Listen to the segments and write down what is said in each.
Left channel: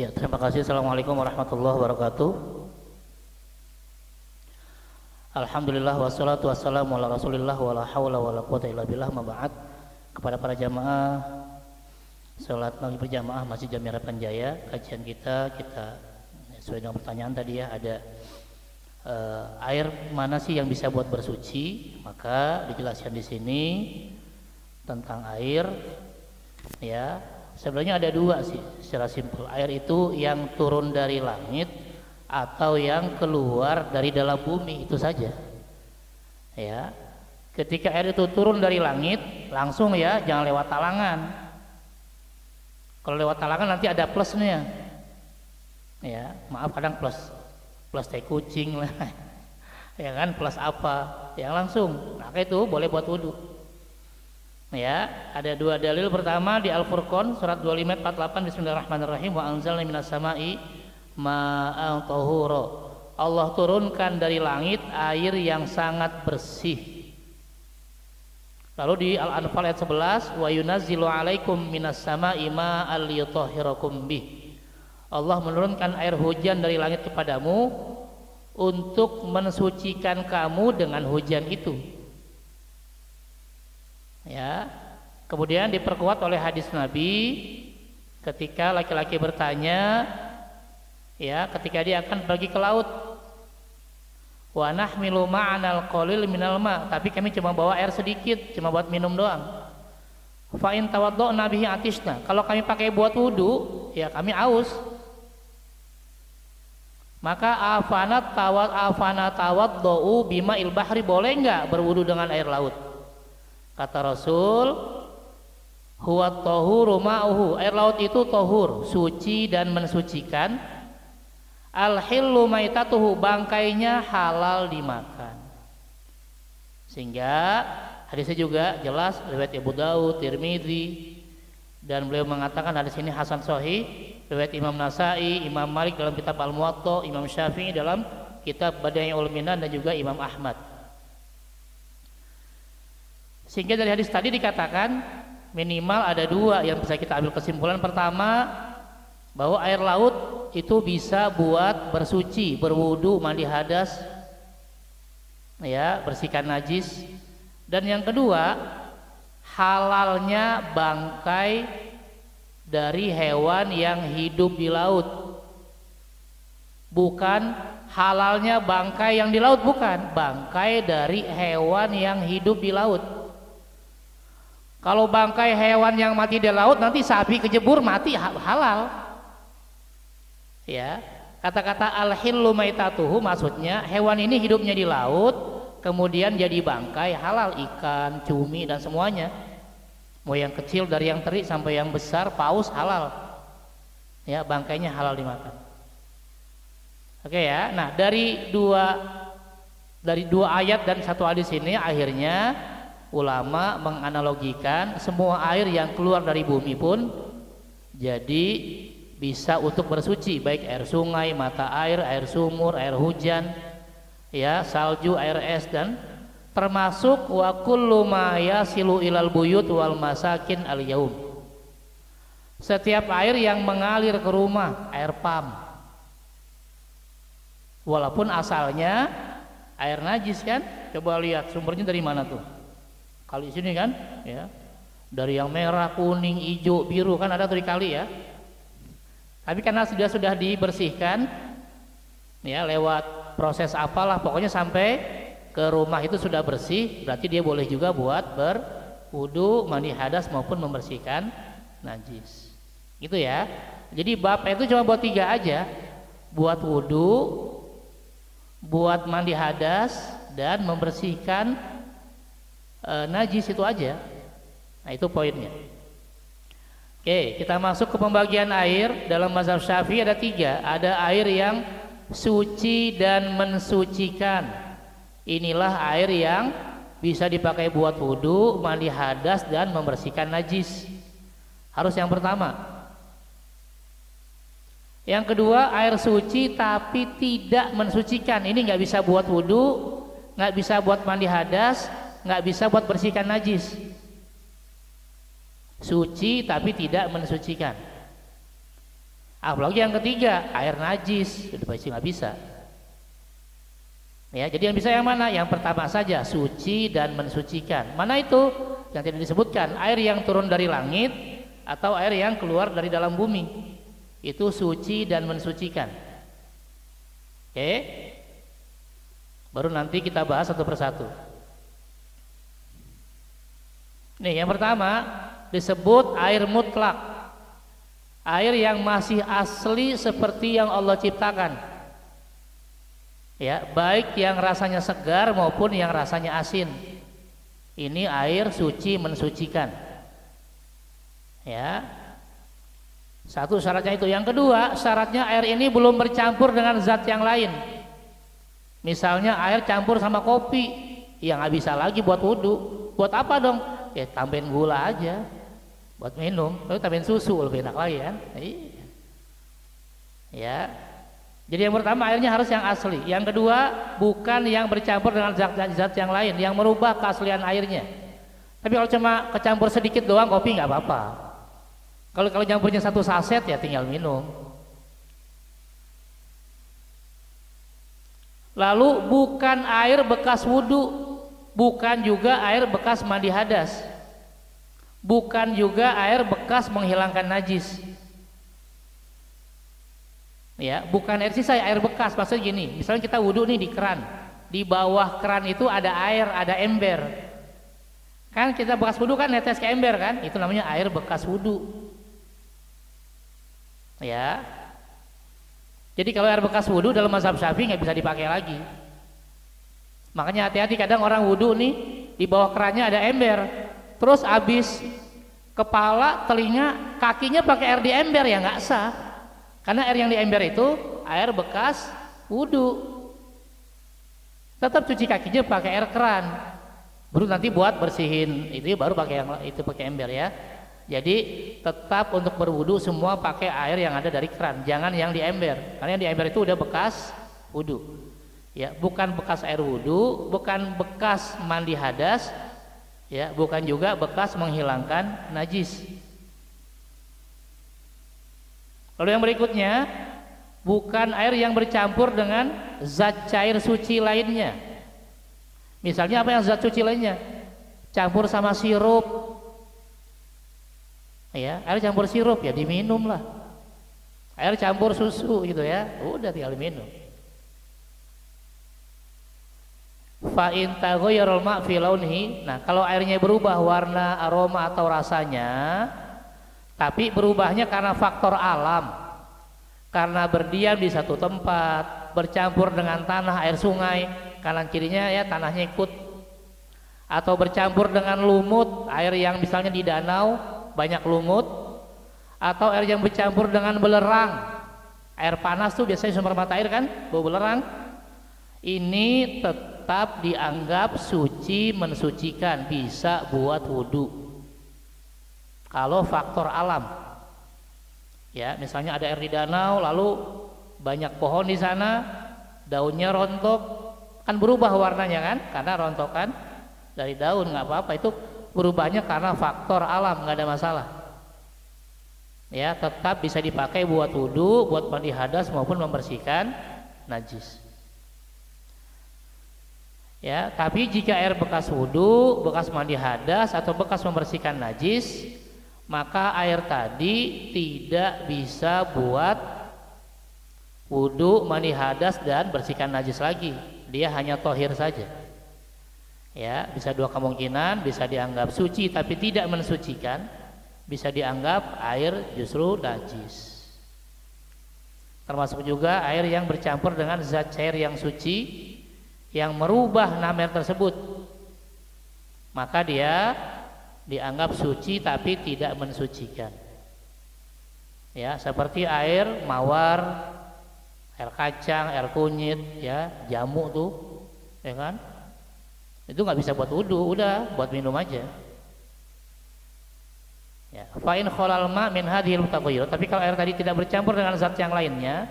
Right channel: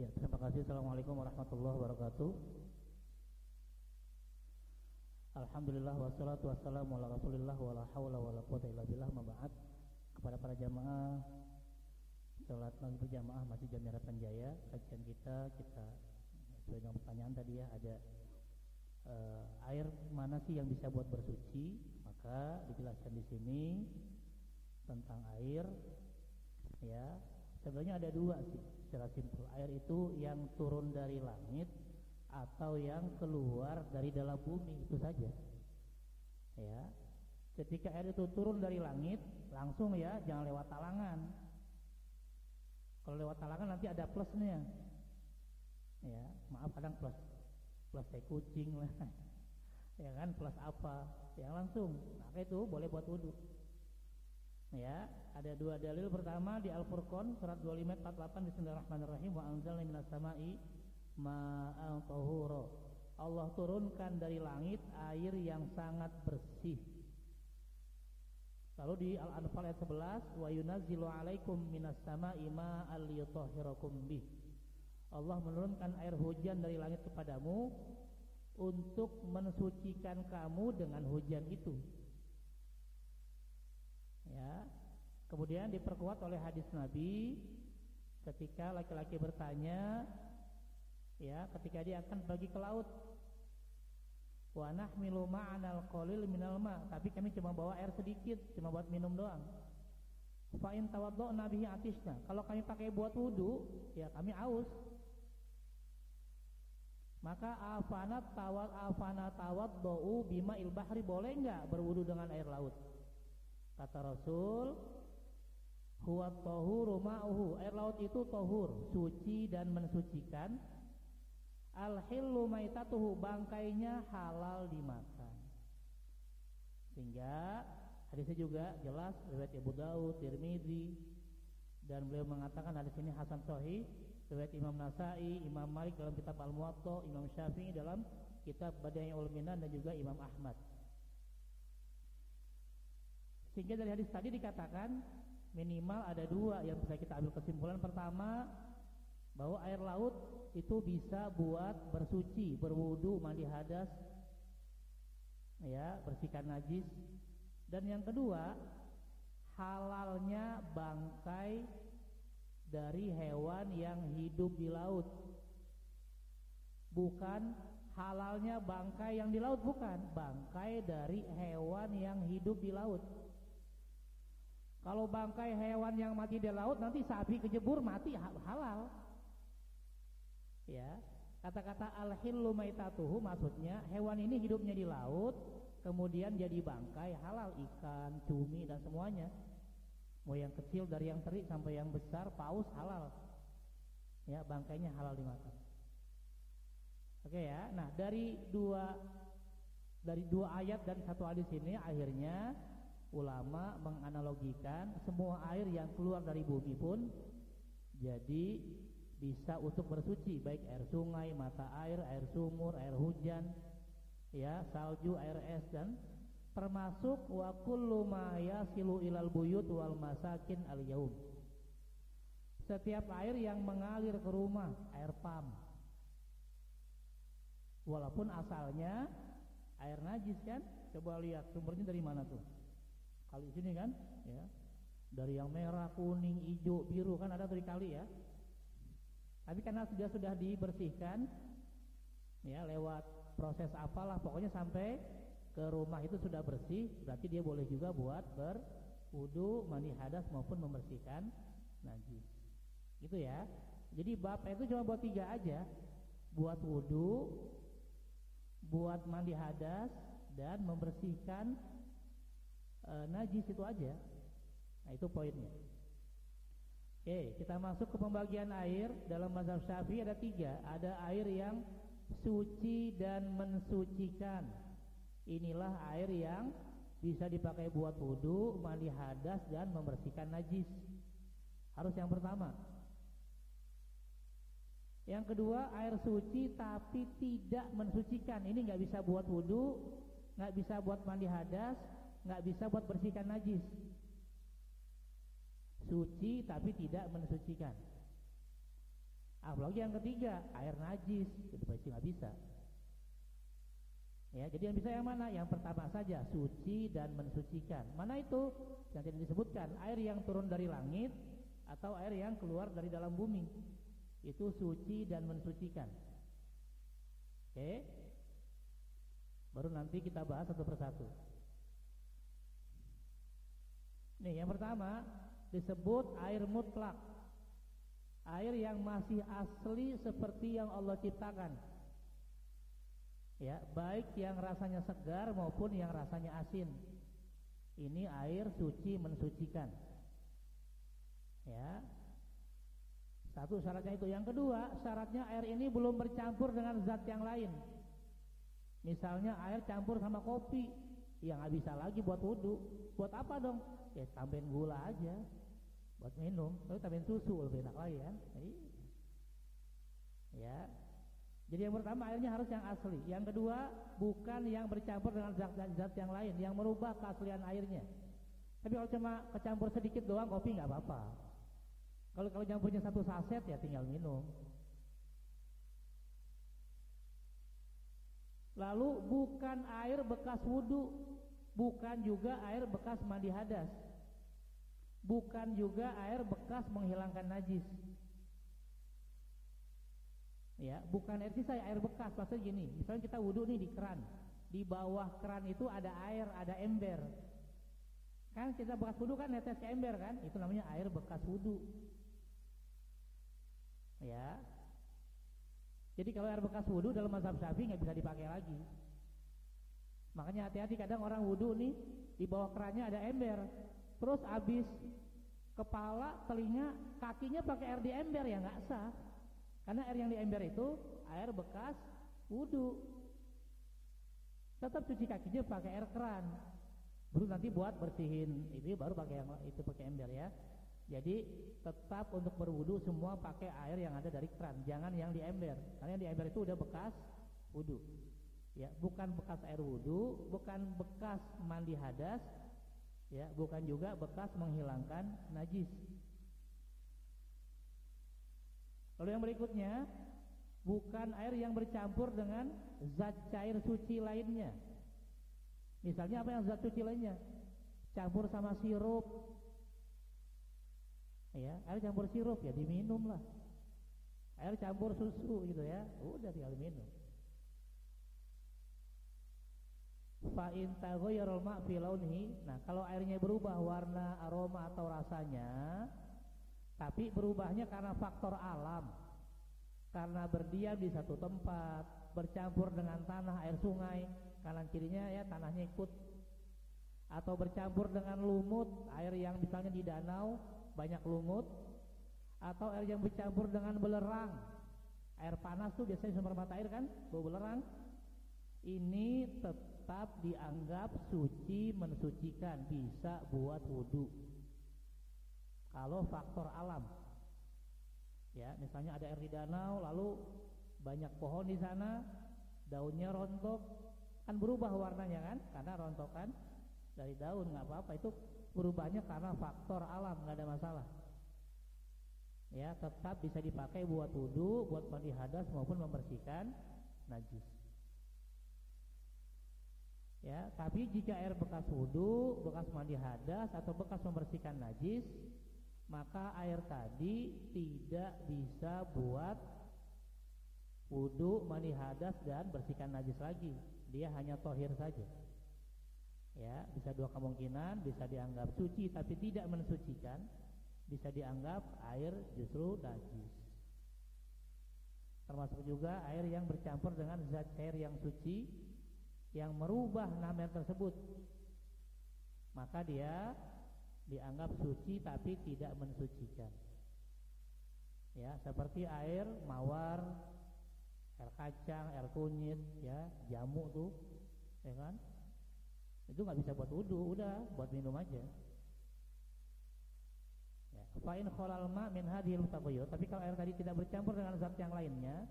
Ya, terima kasih. Assalamualaikum warahmatullahi wabarakatuh. Alhamdulillah wassalatu wassalamu ala Rasulillah wala haula wala quwata illa billah, ma ba'd. Kepada para jamaah salat maghrib berjamaah Masjid Jami Harapan Jaya, kajian kita sesuai dengan pertanyaan tadi ya, ada air mana sih yang bisa buat bersuci? Maka dijelaskan di sini tentang air ya. Sebenarnya ada dua sih secara simpel. Air itu yang turun dari langit atau yang keluar dari dalam bumi, itu saja. Ya. Ketika air itu turun dari langit, langsung ya, jangan lewat talangan. Kalau lewat talangan nanti ada plusnya. Ya, maaf kadang plus teh kucing lah. Ya kan, plus apa? Yang langsung. Nah, itu boleh buat wudu. Ya, ada dua dalil. Pertama di Al-Furqan surat 25 ayat 48, Bismillahirrahmanirrahim, wa anzalna minas sama'i ma'an tahura. Allah turunkan dari langit air yang sangat bersih. Lalu di Al-Anfal ayat 11, wa yunazzilu 'alaikum minas sama'i ma'an liyutahhirakum bih. Allah menurunkan air hujan dari langit kepadamu untuk mensucikan kamu dengan hujan itu. Ya, kemudian diperkuat oleh hadis Nabi ketika laki-laki bertanya, ya, ketika dia akan pergi ke laut, wa nahmilu ma'anal qalil minal ma, tapi kami cuma bawa air sedikit, cuma buat minum doang. Fa in tawadda'na bihi atishna, kalau kami pakai buat wudu, ya kami aus. Maka afana tawadda'u bima'il bahri, boleh enggak berwudu dengan air laut? Kata Rasul, huwa tahuru ma'uhu, air laut itu tahur, suci dan mensucikan. Al-hillu maitatuhu, bangkainya halal dimakan. Sehingga hadisnya juga jelas riwayat Abu Daud, Tirmidzi, dan beliau mengatakan hadis ini hasan sahih. Riwayat Imam Nasai, Imam Malik dalam kitab Al-Muwatta, Imam Syafi'i dalam kitab Badi'ul Minan, dan juga Imam Ahmad. Sehingga dari hadis tadi dikatakan minimal ada dua yang bisa kita ambil kesimpulan. Pertama, bahwa air laut itu bisa buat bersuci, berwudu, mandi hadas, ya, bersihkan najis. Dan yang kedua, halalnya bangkai dari hewan yang hidup di laut. Bukan halalnya bangkai yang di laut, bukan, bangkai dari hewan yang hidup di laut. Kalau bangkai hewan yang mati di laut, nanti sapi kejebur mati, halal. Ya, kata-kata al-hillu maitatuhu maksudnya hewan ini hidupnya di laut, kemudian jadi bangkai, halal, ikan, cumi dan semuanya. Mau yang kecil dari yang teri sampai yang besar, paus, halal. Ya, bangkainya halal dimakan. Oke ya. Nah, dari dua ayat dan satu hadis ini akhirnya ulama menganalogikan semua air yang keluar dari bumi pun jadi bisa untuk bersuci, baik air sungai, mata air, air sumur, air hujan, ya, salju, air es, dan termasuk wa kullu ma yasilu ilal buyut wal masakin al yaum. Setiap air yang mengalir ke rumah, air pam, walaupun asalnya air najis kan. Coba lihat sumbernya dari mana tuh. Kali sini kan, ya, dari yang merah, kuning, hijau, biru kan ada tuh di kali ya. Tapi karena sudah dibersihkan, ya, lewat proses apalah, pokoknya sampai ke rumah itu sudah bersih, berarti dia boleh juga buat berwudu, mandi hadas maupun membersihkan najis. Gitu ya. Jadi bab itu cuma buat tiga aja, buat wudu, buat mandi hadas, dan membersihkan najis, itu aja. Nah, itu poinnya. Oke, kita masuk ke pembagian air. Dalam mazhab Syafi'i ada tiga. Ada air yang suci dan mensucikan. Inilah air yang bisa dipakai buat wudu, mandi hadas, dan membersihkan najis. Harus yang pertama. Yang kedua, air suci tapi tidak mensucikan. Ini nggak bisa buat wudu, nggak bisa buat mandi hadas, nggak bisa buat bersihkan najis. Suci tapi tidak mensucikan. Apalagi yang ketiga, air najis, sudah pasti nggak bisa. Ya, jadi yang bisa yang mana? Yang pertama saja, suci dan mensucikan. Mana itu? Yang tidak disebutkan, air yang turun dari langit atau air yang keluar dari dalam bumi. Itu suci dan mensucikan. Oke? Baru nanti kita bahas satu persatu. Nih, yang pertama disebut air mutlak. Air yang masih asli seperti yang Allah ciptakan. Ya, baik yang rasanya segar maupun yang rasanya asin. Ini air suci mensucikan. Ya. Satu syaratnya itu. Yang kedua, syaratnya air ini belum bercampur dengan zat yang lain. Misalnya air campur sama kopi, ya nggak bisa lagi buat wudhu. Buat apa dong? Ya tambahin gula aja buat minum. Lalu tambahin susu lebih enak lagi kan? Ya. Jadi yang pertama airnya harus yang asli. Yang kedua bukan yang bercampur dengan zat-zat yang lain yang merubah keaslian airnya. Tapi kalau cuma kecampur sedikit doang kopi nggak apa-apa. Kalau campurnya satu saset ya tinggal minum. Lalu bukan air bekas wudhu, bukan juga air bekas mandi hadas, bukan juga air bekas menghilangkan najis. Ya, bukan air sisa, air bekas. Maksudnya gini, misalnya kita wudhu nih di keran, di bawah keran itu ada air, ada ember. Kan kita bekas wudhu kan netes ke ember kan, itu namanya air bekas wudhu. Ya, jadi kalau air bekas wudhu dalam mazhab Syafi'i nggak bisa dipakai lagi. Makanya hati-hati, kadang orang wudhu nih di bawah kerannya ada ember, terus abis kepala, telinga, kakinya pakai air di ember, ya nggak sah. Karena air yang di ember itu air bekas wudhu. Tetap cuci kakinya pakai air keran. Baru nanti buat bersihin itu baru pakai yang itu pakai ember ya. Jadi tetap untuk berwudhu semua pakai air yang ada dari keran, jangan yang di ember. Karena yang di ember itu udah bekas wudhu. Ya, bukan bekas air wudhu, bukan bekas mandi hadas, ya, bukan juga bekas menghilangkan najis. Lalu yang berikutnya, bukan air yang bercampur dengan zat cair suci lainnya. Misalnya apa yang zat suci lainnya? Campur sama sirup. Ya, air campur sirup ya diminum lah. Air campur susu gitu ya, udah tinggal diminum. Fa in taghayyara al-ma' fi launihi. Nah, kalau airnya berubah warna, aroma atau rasanya, tapi berubahnya karena faktor alam, karena berdiam di satu tempat, bercampur dengan tanah air sungai, kanan kirinya ya tanahnya ikut, atau bercampur dengan lumut, air yang misalnya di danau banyak lumut, atau air yang bercampur dengan belerang, air panas tuh biasanya sumber mata air kan, bau belerang, ini tetap dianggap suci mensucikan, bisa buat wudhu. Kalau faktor alam, ya misalnya ada air di danau, lalu banyak pohon di sana, daunnya rontok, kan berubah warnanya kan, karena rontokan dari daun, nggak apa-apa, itu berubahnya karena faktor alam, nggak ada masalah. Ya, tetap bisa dipakai buat wudhu, buat mandi hadas maupun membersihkan najis. Ya, tapi jika air bekas wudhu, bekas mandi hadas atau bekas membersihkan najis, maka air tadi tidak bisa buat wudhu, mandi hadas dan bersihkan najis lagi. Dia hanya tohir saja. Ya, bisa dua kemungkinan, bisa dianggap suci tapi tidak mensucikan, bisa dianggap air justru najis. Termasuk juga air yang bercampur dengan zat cair yang suci yang merubah nama air tersebut, maka dia dianggap suci tapi tidak mensucikan. Ya, seperti air mawar, air kacang, air kunyit, ya, jamu tuh, ya kan? Itu nggak bisa buat wudhu, udah buat minum aja. Ya, fa in khalal ma min hadhil mutaghayyir. Tapi kalau air tadi tidak bercampur dengan zat yang lainnya,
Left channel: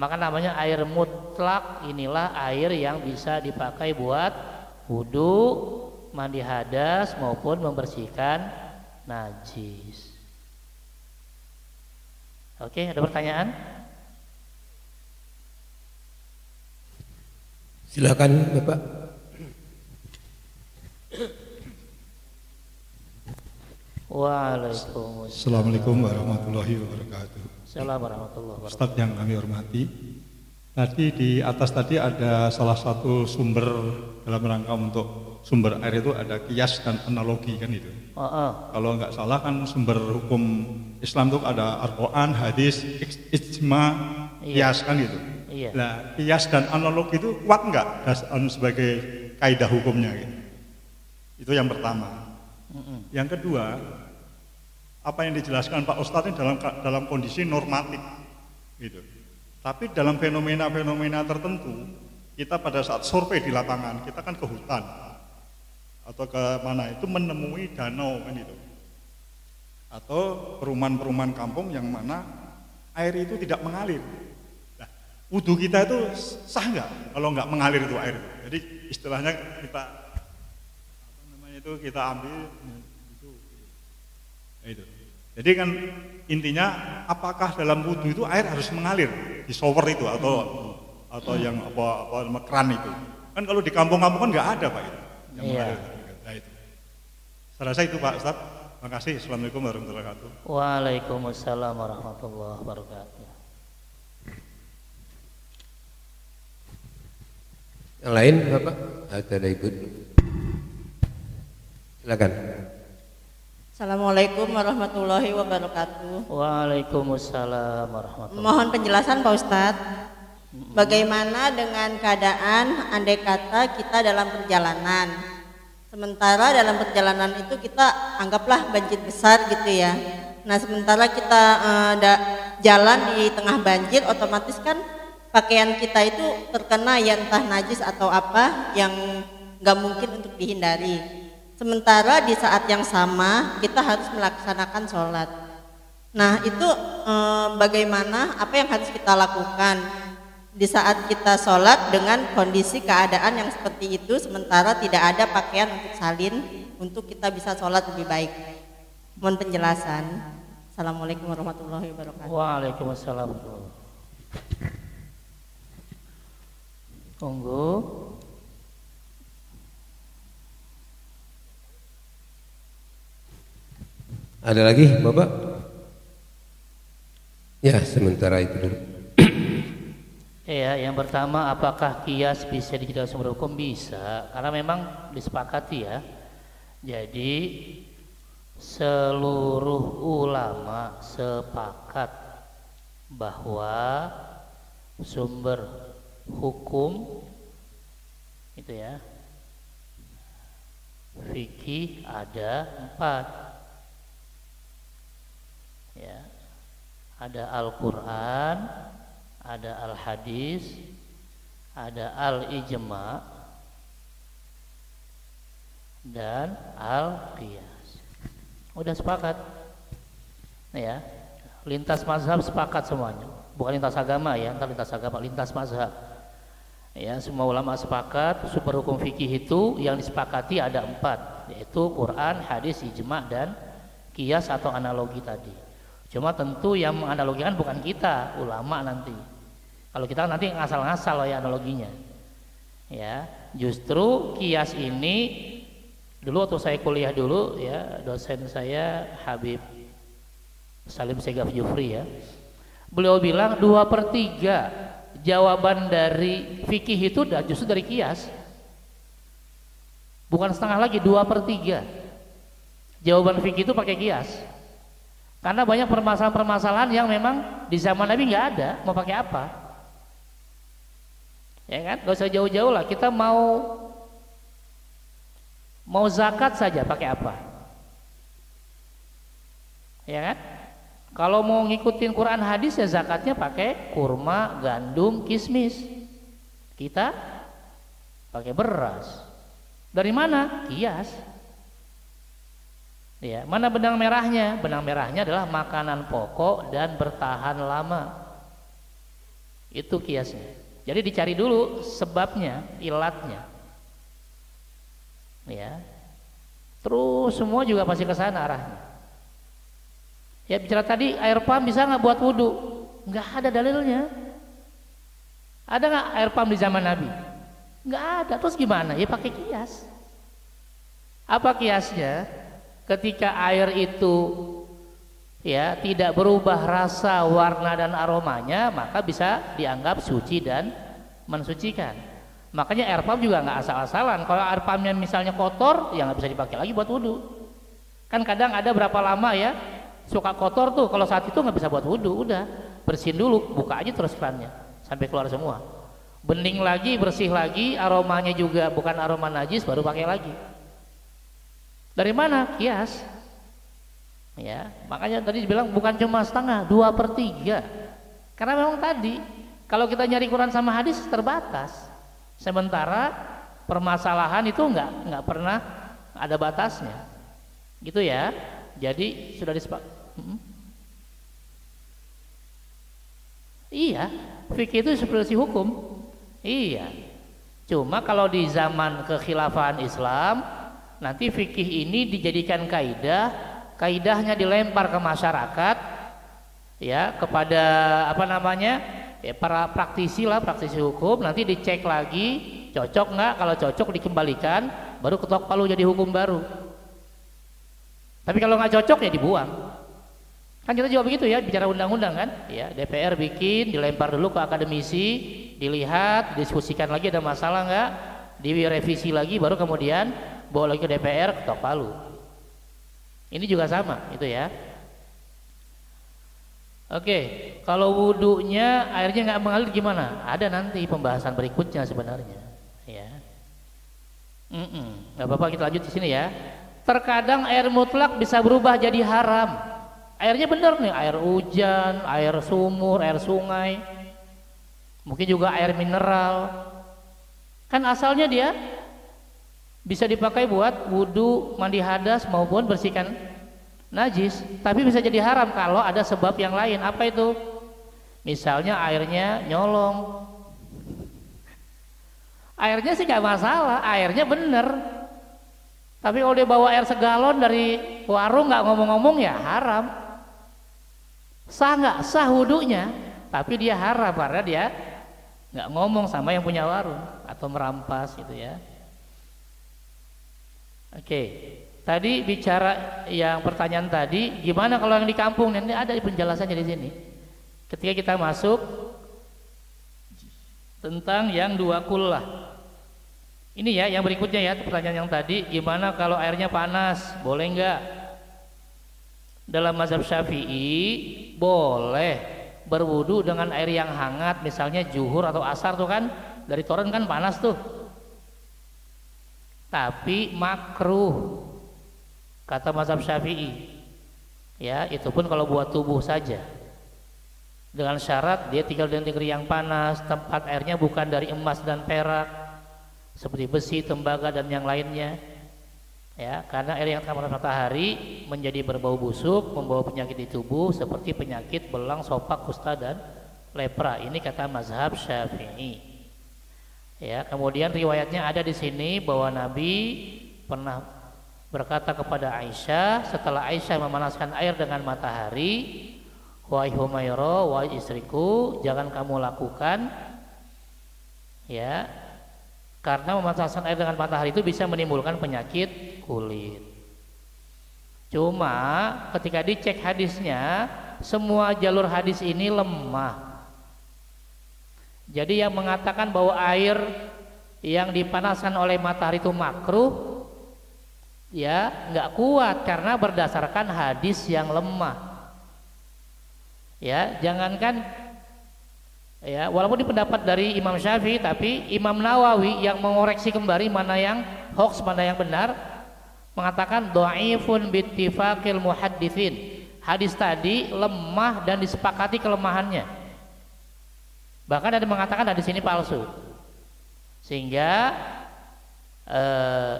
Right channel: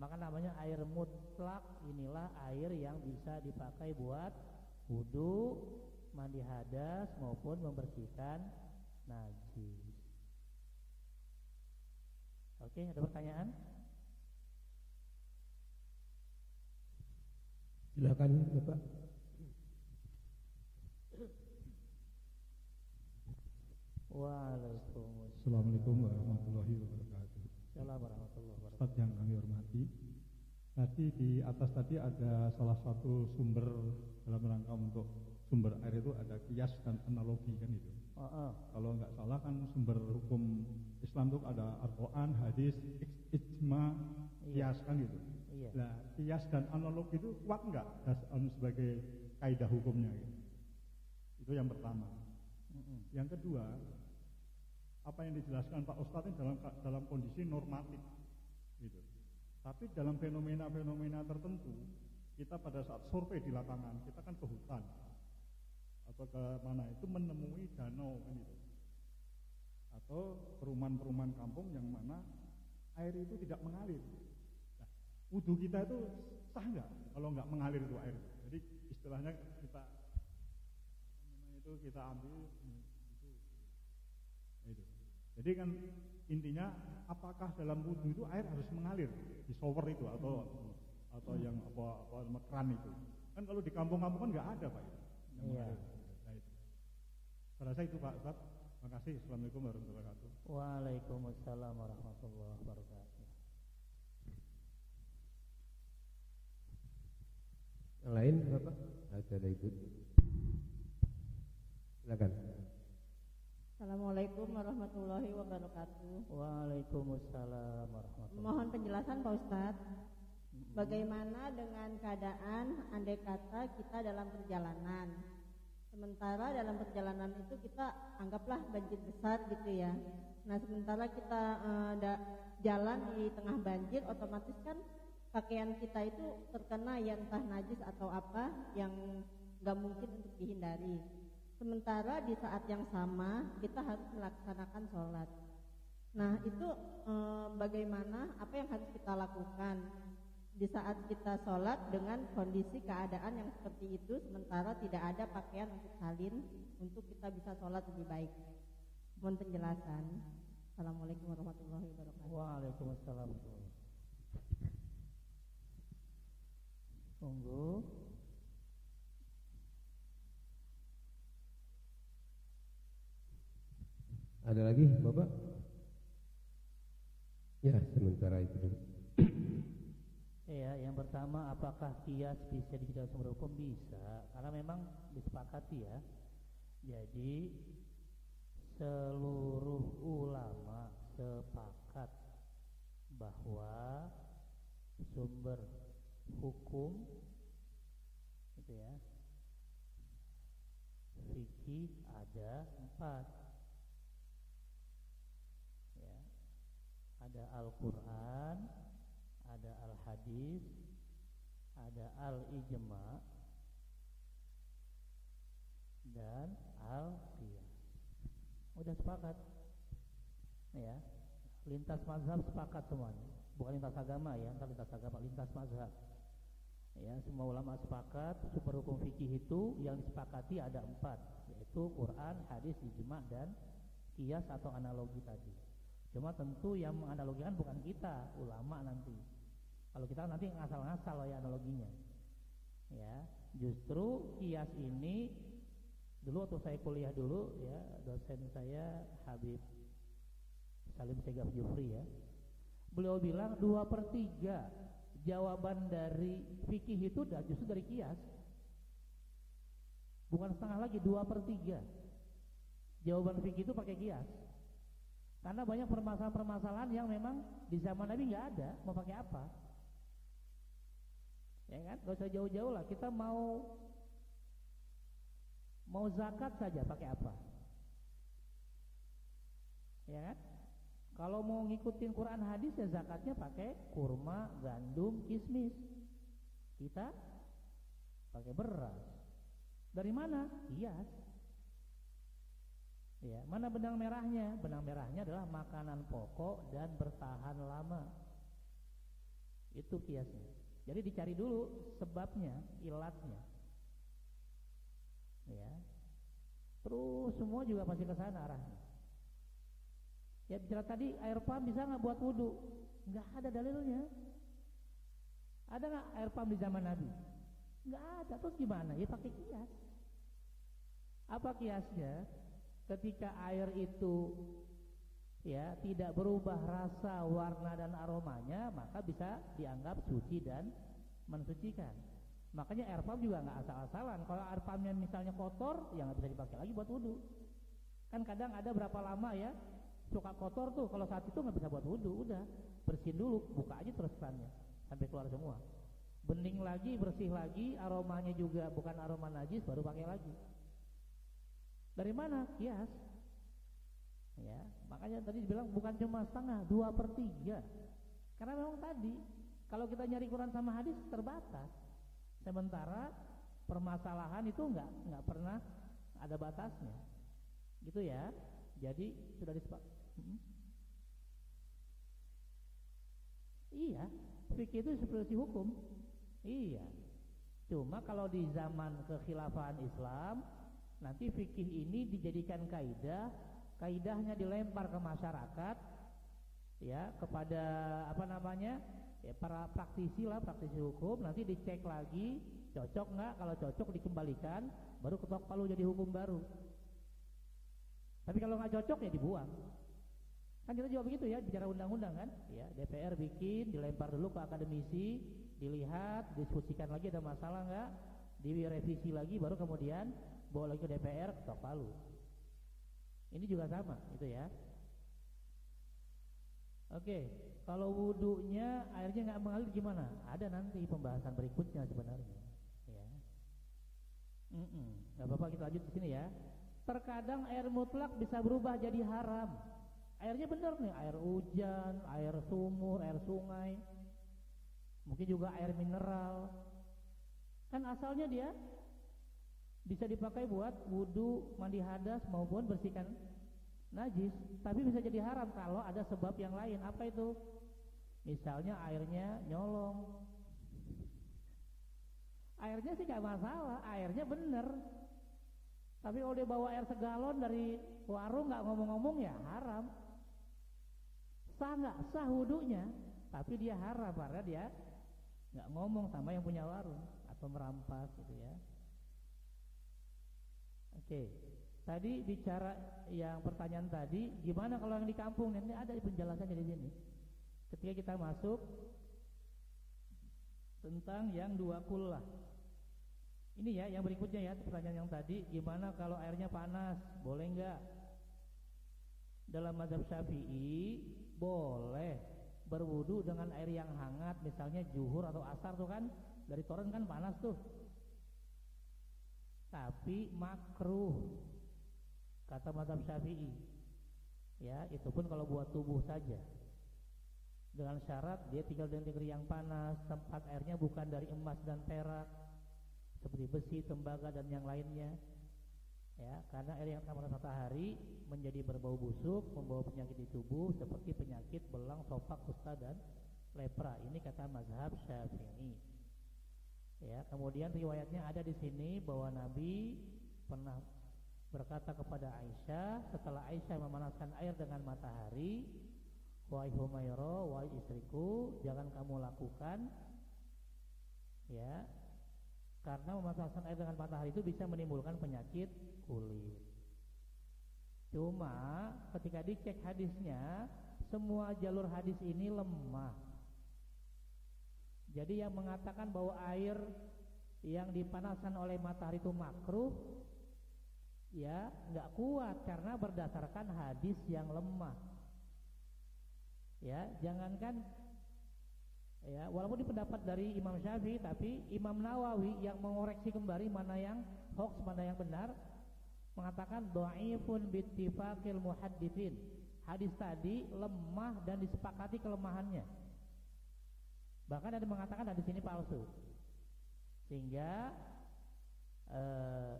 maka namanya air mutlak. Inilah air yang bisa dipakai buat wudhu, mandi hadas maupun membersihkan najis. Oke, ada pertanyaan? Silakan Bapak. Waalaikumsalam. Assalamualaikum warahmatullahi wabarakatuh. Assalamualaikum warahmatullahi wabarakatuh. Ustadz yang kami hormati, tadi di atas tadi ada salah satu sumber dalam rangka untuk sumber air itu ada kias dan analogi kan itu. Kalau nggak salah kan sumber hukum Islam itu ada Al-Quran, hadis, ijma, kias kan gitu. Iya. Nah, kias dan analogi itu kuat nggak sebagai kaidah hukumnya gitu? Itu yang pertama. Yang kedua, apa yang dijelaskan Pak Ustadz ini dalam kondisi normatif gitu. Tapi dalam fenomena-fenomena tertentu, kita pada saat survei di lapangan, kita kan ke hutan atau ke mana itu menemui danau kan itu, atau perumahan-perumahan kampung yang mana air itu tidak mengalir. Nah, wudhu kita itu sah nggak kalau nggak mengalir itu air? Jadi istilahnya kita kita ambil itu. Jadi kan intinya apakah dalam wudhu itu air harus mengalir di shower itu atau yang apa keran itu? Kan kalau di kampung-kampung kan nggak ada Pak itu. Yang mengalir. Nah, itu. Saya rasa itu Pak Ustaz. Terima kasih. Assalamualaikum warahmatullahi wabarakatuh. Waalaikumsalam warahmatullahi wabarakatuh. Yang lain Bapak? Ada Ibu? Silakan. Assalamualaikum warahmatullahi wabarakatuh. Waalaikumsalam warahmatullahi wabarakatuh. Mohon penjelasan Pak Ustadz. Bagaimana dengan keadaan andai kata kita dalam perjalanan, sementara dalam perjalanan itu kita anggaplah banjir besar gitu ya. Nah sementara kita jalan di tengah banjir, otomatis kan pakaian kita itu terkena ya entah najis atau apa yang nggak mungkin untuk dihindari. Sementara di saat yang sama kita harus melaksanakan sholat. Nah itu bagaimana, apa yang harus kita lakukan di saat kita sholat dengan kondisi keadaan yang seperti itu, sementara tidak ada pakaian untuk salin untuk kita bisa sholat lebih baik. Mohon penjelasan. Assalamualaikum warahmatullahi wabarakatuh. Waalaikumsalam. Tunggu. Ada lagi Bapak? Ya sementara itu dulu. Ya, yang pertama apakah kias bisa dijadikan sumber hukum? Bisa, karena memang disepakati ya. Jadi seluruh ulama sepakat bahwa sumber hukum itu ya fikih ada 4. Ya, ada Al-Quran, ada Al-Hadis, ada Al-Ijma, dan Al-Qiyas. Udah sepakat, ya. Lintas mazhab sepakat semuanya, bukan lintas agama ya, entar lintas agama, lintas mazhab. Ya, semua ulama sepakat sumber hukum fikih itu yang disepakati ada 4, yaitu Quran, Hadis, Ijma, dan Qiyas atau analogi tadi. Cuma tentu yang menganalogikan bukan kita, ulama nanti. Kalau kita nanti ngasal-ngasal ya analoginya. Ya, justru kias ini dulu waktu saya kuliah dulu ya, dosen saya Habib Salim Segaf Jufri ya. Beliau bilang 2/3 jawaban dari fikih itu justru dari kias. Bukan setengah lagi, 2/3 jawaban fikih itu pakai kias. Karena banyak permasalahan-permasalahan yang memang di zaman Nabi nggak ada, mau pakai apa? Ya kan, gak usah jauh-jauh lah. Kita mau zakat saja pakai apa? Ya kan? Kalau mau ngikutin Quran hadis ya zakatnya pakai kurma, gandum, kismis. Kita pakai beras. Dari mana? Kias. Ya, mana benang merahnya? Benang merahnya adalah makanan pokok dan bertahan lama. Itu kiasnya. Jadi dicari dulu sebabnya, ilatnya. Ya. Terus semua juga pasti ke sana arahnya. Ya bicara tadi air pump bisa nggak buat wudhu? Nggak ada dalilnya. Ada nggak air pump di zaman Nabi? Nggak ada. Terus gimana? Ya pakai kias. Apa kiasnya? Ketika air itu ya tidak berubah rasa, warna dan aromanya, maka bisa dianggap suci dan mensucikan. Makanya air pump juga nggak asal-asalan. Kalau air pumpnya misalnya kotor, ya nggak bisa dipakai lagi buat wudhu. Kan kadang ada berapa lama ya suka kotor tuh, kalau saat itu nggak bisa buat wudhu, udah bersihin dulu, buka aja terus kerannya sampai keluar semua, bening lagi, bersih lagi, aromanya juga bukan aroma najis, baru pakai lagi. Dari mana? Kias. Ya, makanya tadi dibilang bukan cuma setengah, 2/3. Karena memang tadi kalau kita nyari Quran sama hadis terbatas, sementara permasalahan itu nggak pernah ada batasnya, gitu ya. Jadi sudah disepakati. Iya, fikih itu seperti hukum. Iya. Cuma kalau di zaman kekhilafahan Islam, nanti fikih ini dijadikan kaidah, kaidahnya dilempar ke masyarakat, ya, kepada apa namanya, ya, para praktisi lah, praktisi hukum. Nanti dicek lagi, cocok nggak? Kalau cocok dikembalikan, baru ketok palu jadi hukum baru. Tapi kalau nggak cocok ya dibuang. Kan kita juga begitu ya, bicara undang-undang kan, ya DPR bikin, dilempar dulu ke akademisi, dilihat, diskusikan lagi ada masalah nggak, direvisi lagi, baru kemudian bawa lagi ke DPR, ketok palu. Ini juga sama, itu ya. Oke, kalau wudhunya airnya nggak mengalir gimana? Ada nanti pembahasan berikutnya sebenarnya, ya. Nggak apa-apa, kita lanjut di sini ya. Terkadang air mutlak bisa berubah jadi haram. Airnya benar nih, air hujan, air sumur, air sungai, mungkin juga air mineral. Kan asalnya dia bisa dipakai buat wudhu, mandi hadas maupun bersihkan najis, tapi bisa jadi haram kalau ada sebab yang lain. Apa itu? Misalnya airnya nyolong. Airnya sih gak masalah, airnya bener. Tapi kalau dia bawa air segalon dari warung nggak ngomong-ngomong ya haram. Sah nggak? Sah wudhunya, tapi dia haram karena dia nggak ngomong sama yang punya warung atau merampas gitu ya. Oke, tadi bicara yang pertanyaan tadi, gimana kalau yang di kampung? Nanti ada penjelasannya di sini. Ketika kita masuk tentang yang 2 kullah. Ini ya yang berikutnya ya, pertanyaan yang tadi, gimana kalau airnya panas, boleh nggak? Dalam mazhab Syafi'i boleh berwudu dengan air yang hangat, misalnya zuhur atau asar tuh kan dari toren kan panas tuh. Tapi makruh kata mazhab Syafi'i. Ya, itu pun kalau buat tubuh saja. Dengan syarat dia tinggal di negeri yang panas, tempat airnya bukan dari emas dan perak, seperti besi, tembaga dan yang lainnya, ya, karena air yang terkena matahari menjadi berbau busuk, membawa penyakit di tubuh seperti penyakit belang, sopak, kusta dan lepra. Ini kata mazhab Syafi'i. Ya, kemudian riwayatnya ada di sini bahwa Nabi pernah berkata kepada Aisyah setelah Aisyah memanaskan air dengan matahari, wahai Humairah, wahai istriku, jangan kamu lakukan, ya, karena memanaskan air dengan matahari itu bisa menimbulkan penyakit kulit. Cuma ketika dicek hadisnya, semua jalur hadis ini lemah. Jadi yang mengatakan bahwa air yang dipanaskan oleh matahari itu makruh, ya nggak kuat karena berdasarkan hadis yang lemah. Ya, jangankan ya, walaupun di pendapat dari Imam Syafi'i, tapi Imam Nawawi yang mengoreksi kembali mana yang hoax, mana yang benar, mengatakan dhaifun bittifaqil muhadditsin. Hadis tadi lemah dan disepakati kelemahannya. Bahkan ada yang mengatakan hadis ini palsu. Sehingga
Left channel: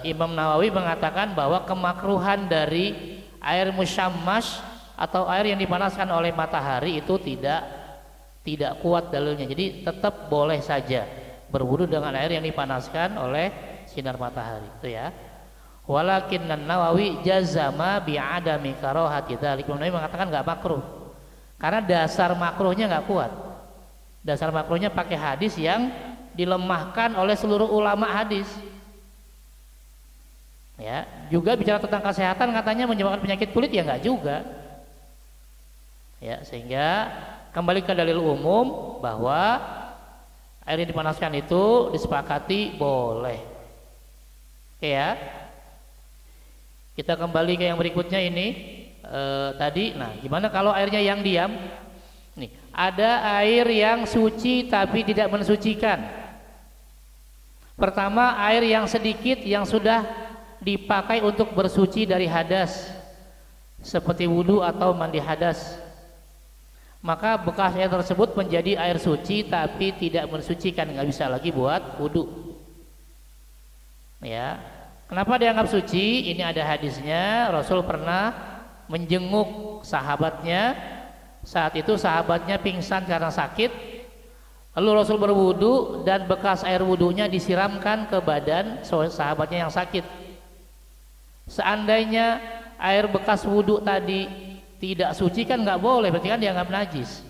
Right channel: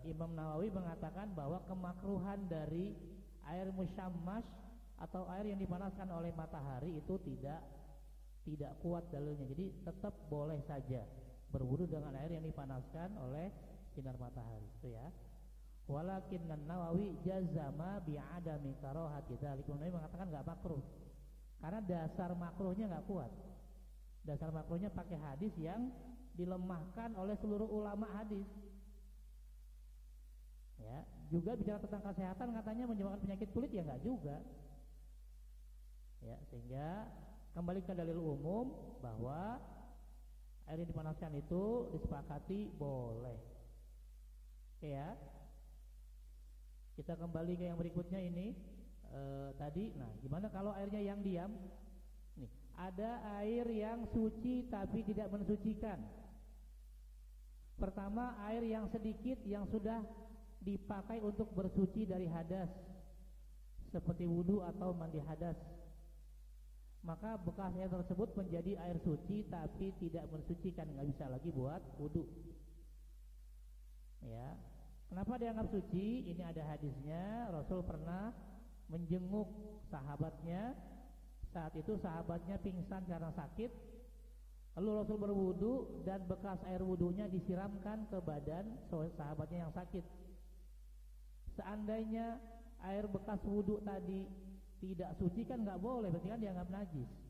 Imam Nawawi mengatakan bahwa kemakruhan dari air musyammash atau air yang dipanaskan oleh matahari itu tidak kuat dalilnya. Jadi tetap boleh saja berwudu dengan air yang dipanaskan oleh sinar matahari, itu ya. Walakin Nawawi jazama bi'adami karahati dzalik. Imam Nawawi mengatakan enggak makruh. Karena dasar makruhnya enggak kuat. Dasar makruhnya pakai hadis yang dilemahkan oleh seluruh ulama hadis. Ya, juga bicara tentang kesehatan katanya menyebabkan penyakit kulit ya enggak juga. Ya, sehingga kembali ke dalil umum bahwa air yang dipanaskan itu disepakati boleh. Oke ya. Kita kembali ke yang berikutnya ini tadi. Nah, gimana kalau airnya yang diam? Nih, ada air yang suci tapi tidak mensucikan. Pertama, air yang sedikit yang sudah dipakai untuk bersuci dari hadas, seperti wudhu atau mandi hadas. Maka bekas air tersebut menjadi air suci tapi tidak mensucikan, nggak bisa lagi buat wudhu. Ya, kenapa dianggap suci? Ini ada hadisnya. Rasul pernah menjenguk sahabatnya. Saat itu sahabatnya pingsan karena sakit. Lalu Rasul berwudu dan bekas air wudunya disiramkan ke badan sahabatnya yang sakit. Seandainya air bekas wudu tadi tidak suci kan nggak boleh, berarti kan dianggap najis.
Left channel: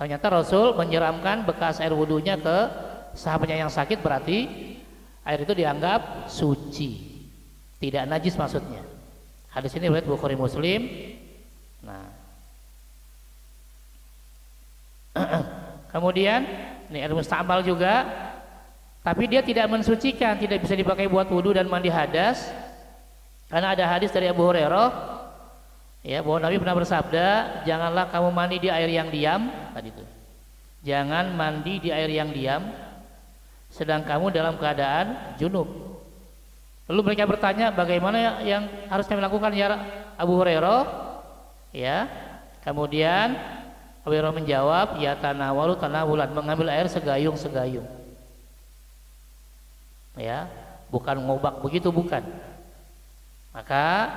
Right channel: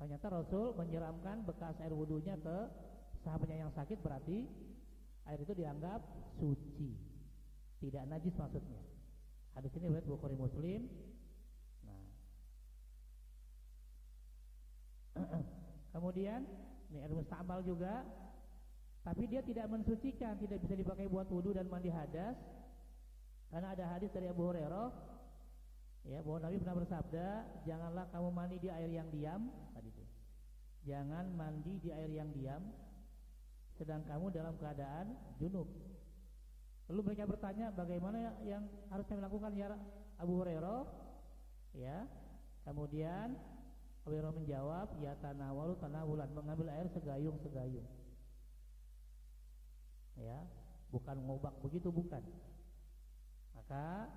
Ternyata Rasul menyiramkan bekas air wudunya ke sahabatnya yang sakit, berarti air itu dianggap suci, tidak najis maksudnya. Hadis ini riwayat Bukhari Muslim. Nah, kemudian ini air musta'mal juga, tapi dia tidak mensucikan, tidak bisa dipakai buat wudu dan mandi hadas, karena ada hadis dari Abu Hurairah, ya, bahwa Nabi pernah bersabda, janganlah kamu mandi di air yang diam, tadi itu. Jangan mandi di air yang diam, sedang kamu dalam keadaan junub. Lalu mereka bertanya, bagaimana yang harus kami lakukan ya Abu Hurairah? Ya, kemudian Abu Hurairah menjawab, ya tanawalu tanawulan, mengambil air segayung-segayung. Ya, bukan ngobak begitu, bukan. Maka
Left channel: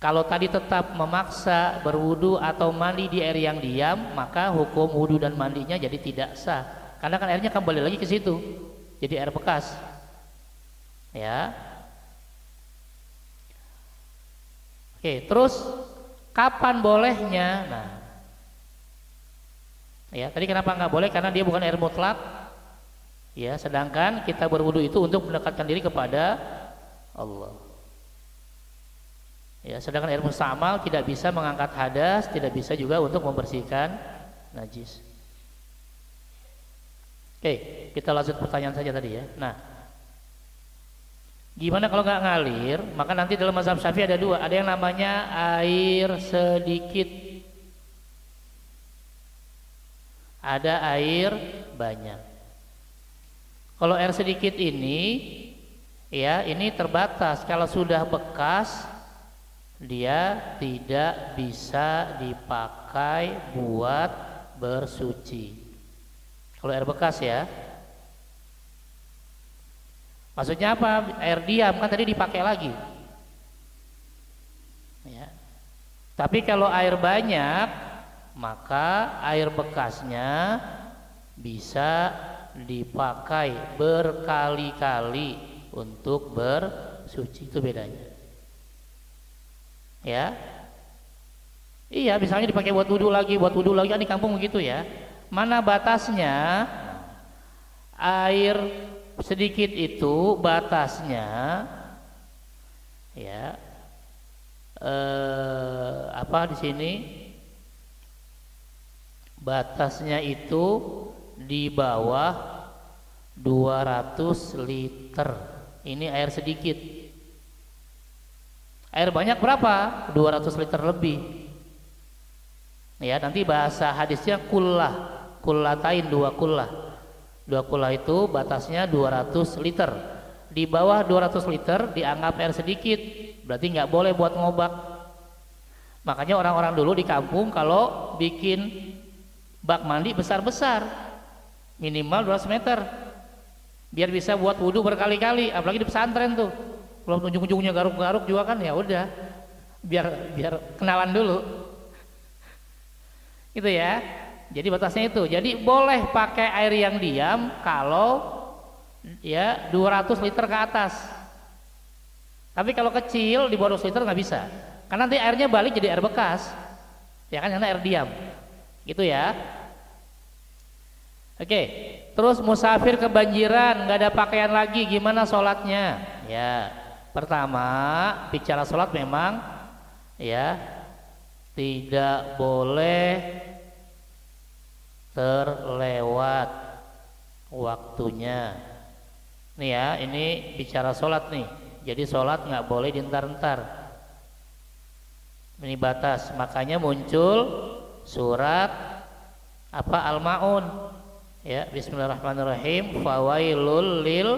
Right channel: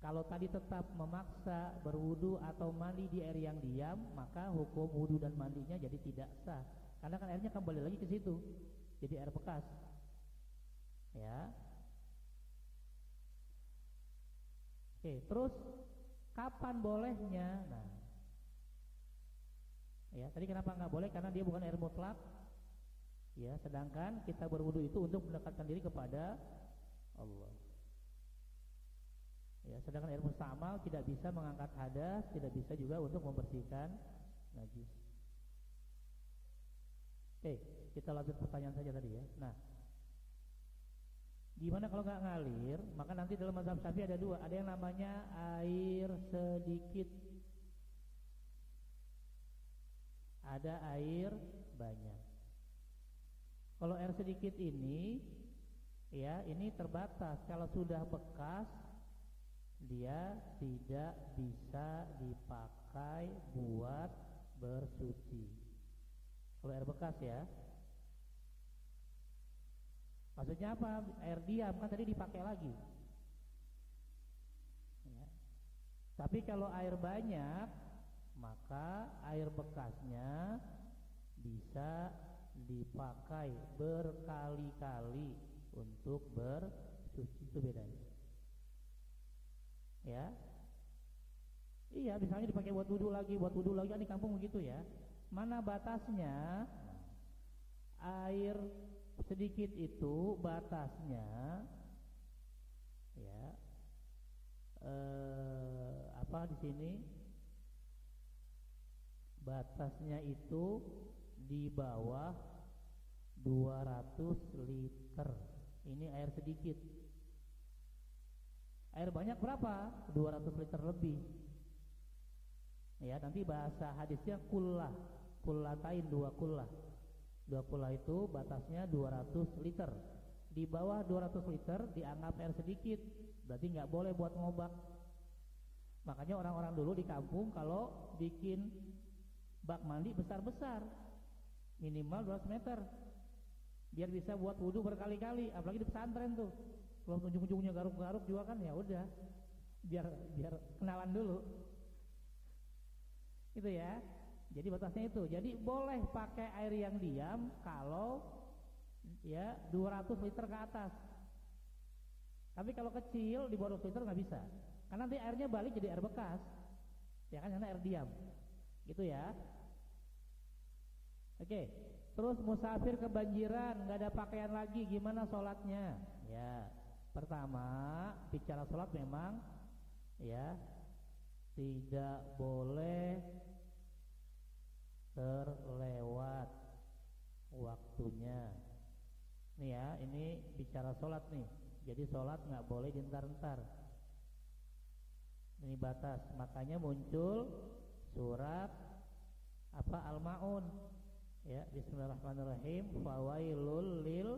kalau tadi tetap memaksa berwudu atau mandi di air yang diam, maka hukum wudu dan mandinya jadi tidak sah. Karena kan airnya kembali lagi ke situ, jadi air bekas. Ya. Oke, terus kapan bolehnya? Nah, ya, tadi kenapa nggak boleh? Karena dia bukan air mutlak. Ya, sedangkan kita berwudu itu untuk mendekatkan diri kepada Allah. Ya, sedangkan air musta'mal tidak bisa mengangkat hadas, tidak bisa juga untuk membersihkan najis. Oke, kita lanjut pertanyaan saja tadi ya. Nah, gimana kalau nggak ngalir? Maka nanti dalam mazhab Syafi'i ada dua, ada yang namanya air sedikit, ada air banyak. Kalau air sedikit ini, ya, ini terbatas. Kalau sudah bekas, dia tidak bisa dipakai buat bersuci. Kalau air bekas ya, maksudnya apa? Air diam kan tadi dipakai lagi ya. Tapi kalau air banyak, maka air bekasnya bisa dipakai berkali-kali untuk bersuci. Itu bedanya ya. Iya, misalnya dipakai buat wudhu lagi kan di kampung begitu ya. Mana batasnya? Air sedikit itu batasnya ya, apa di sini batasnya itu di bawah 200 liter. Ini air sedikit. Air banyak berapa? 200 liter lebih. Ya, nanti bahasa hadisnya kullah, kullatain, dua kullah. Dua kullah itu batasnya 200 liter. Di bawah 200 liter dianggap air sedikit, berarti nggak boleh buat ngobak. Makanya orang-orang dulu di kampung kalau bikin bak mandi besar-besar, minimal 200 meter, biar bisa buat wudhu berkali-kali. Apalagi di pesantren tuh, kalau ujung-ujungnya garuk-garuk juga kan, ya udah, biar kenalan dulu. Itu ya. Jadi batasnya itu. Jadi boleh pakai air yang diam kalau ya 200 liter ke atas. Tapi kalau kecil di bawah 2 liter nggak bisa, karena nanti airnya balik jadi air bekas, ya kan, karena air diam, gitu ya. Oke, terus musafir kebanjiran, nggak ada pakaian lagi, gimana sholatnya? Ya, pertama bicara sholat memang ya tidak boleh terlewat waktunya. Nih ya, ini bicara sholat nih. Jadi sholat nggak boleh dientar-entar. Ini batas. Makanya muncul surat apa Al-Maun. Ya, Bismillahirrahmanirrahim. Fawailul lil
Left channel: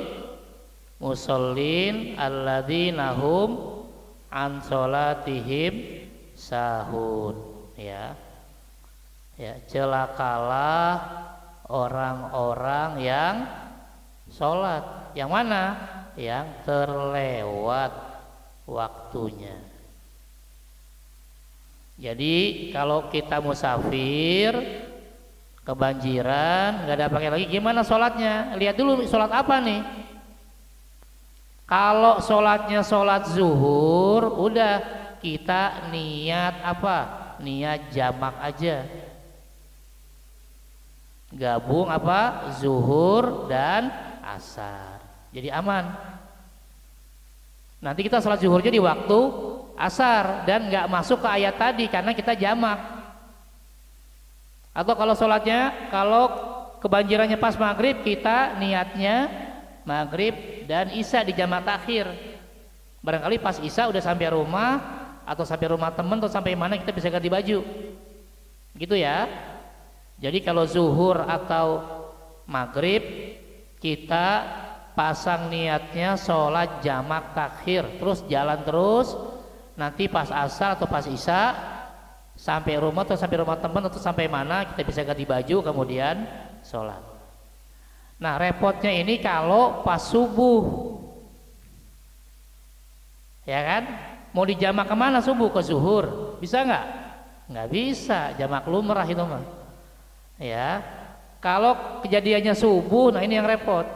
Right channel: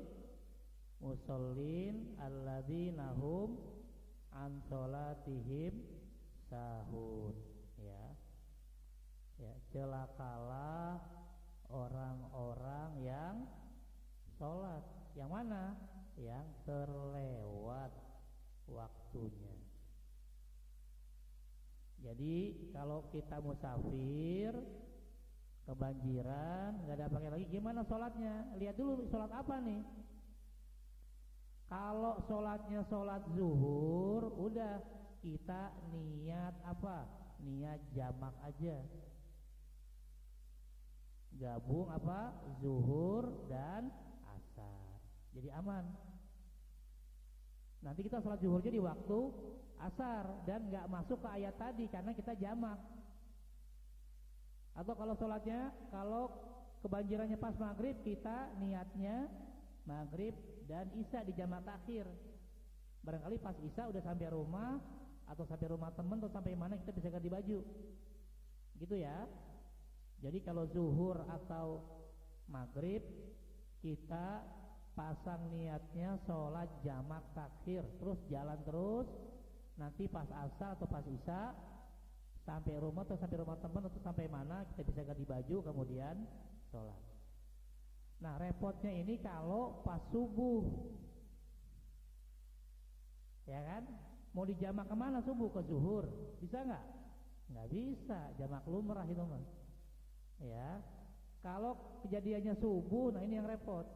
musallin alladzina hum an sholatihim sahun. Ya. Ya, celakalah orang-orang yang sholat. Yang mana? Yang terlewat waktunya. Jadi kalau kita musafir kebanjiran, nggak ada pakai lagi, gimana sholatnya? Lihat dulu sholat apa nih. Kalau sholatnya sholat zuhur, udah kita niat apa? Niat jamak aja. Gabung apa? Zuhur dan asar. Jadi aman. Nanti kita sholat zuhurnya di waktu asar dan nggak masuk ke ayat tadi karena kita jamak. Atau kalau sholatnya, kalau kebanjirannya pas maghrib, kita niatnya maghrib dan isya di jamak takhir. Barangkali pas isya udah sampai rumah atau sampai rumah teman atau sampai mana kita bisa ganti baju, gitu ya. Jadi kalau zuhur atau maghrib kita pasang niatnya sholat jamak takhir, terus jalan terus, nanti pas asar atau pas isya sampai rumah atau sampai rumah teman atau sampai mana kita bisa ganti baju kemudian sholat. Nah repotnya ini kalau pas subuh, ya kan, mau dijamak kemana subuh? Ke zuhur, bisa nggak? Nggak bisa, jamak lumrah itu mah. Ya, kalau kejadiannya subuh, nah ini yang repot.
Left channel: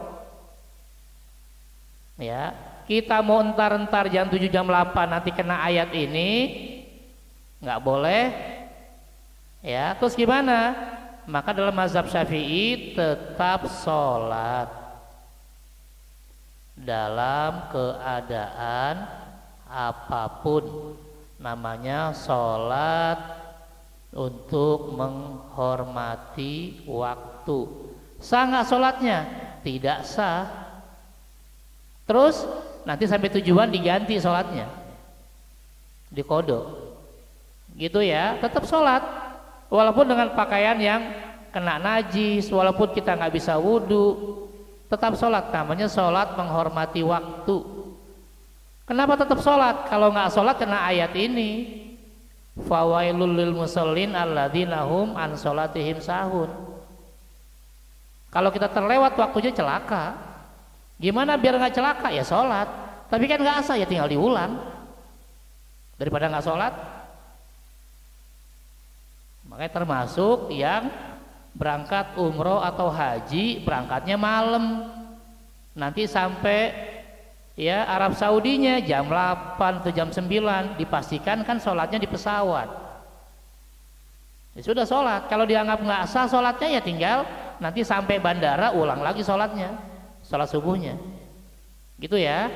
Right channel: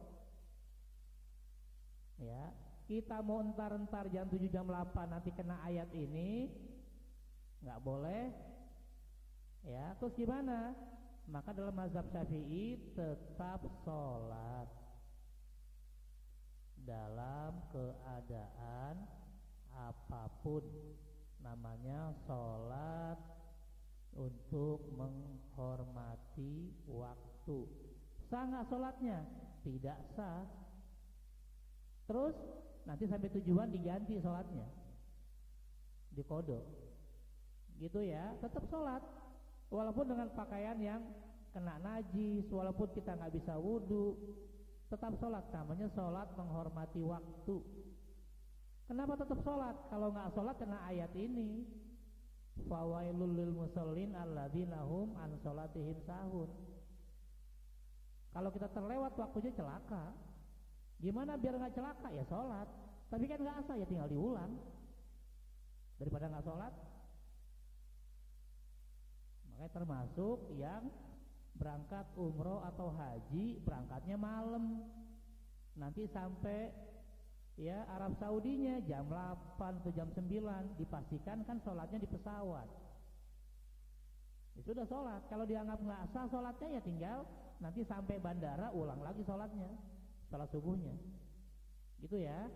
Ya, kita mau entar-entar jam 7 jam 8 nanti kena ayat ini nggak boleh. Ya, terus gimana? Maka dalam mazhab Syafi'i tetap sholat dalam keadaan apapun, namanya sholat untuk menghormati waktu. Sah nggak sholatnya? Tidak sah. Terus nanti sampai tujuan diganti sholatnya, dikodok, gitu ya. Tetap sholat walaupun dengan pakaian yang kena najis, walaupun kita nggak bisa wudhu, tetap sholat. Namanya sholat menghormati waktu. Kenapa tetap sholat? Kalau nggak sholat kena ayat ini, fawailul lil musallin alladzina hum an sholatihim sahun. Kalau kita terlewat waktunya celaka. Gimana biar nggak celaka? Ya sholat. Tapi kan nggak asal, ya tinggal diulang daripada nggak sholat. Makanya termasuk yang berangkat umroh atau haji, berangkatnya malam, nanti sampai ya Arab Saudinya jam 8 atau jam 9, dipastikan kan sholatnya di pesawat. Ya sudah sholat. Kalau dianggap nggak sah sholatnya, ya tinggal nanti sampai bandara ulang lagi sholatnya, sholat subuhnya, gitu ya.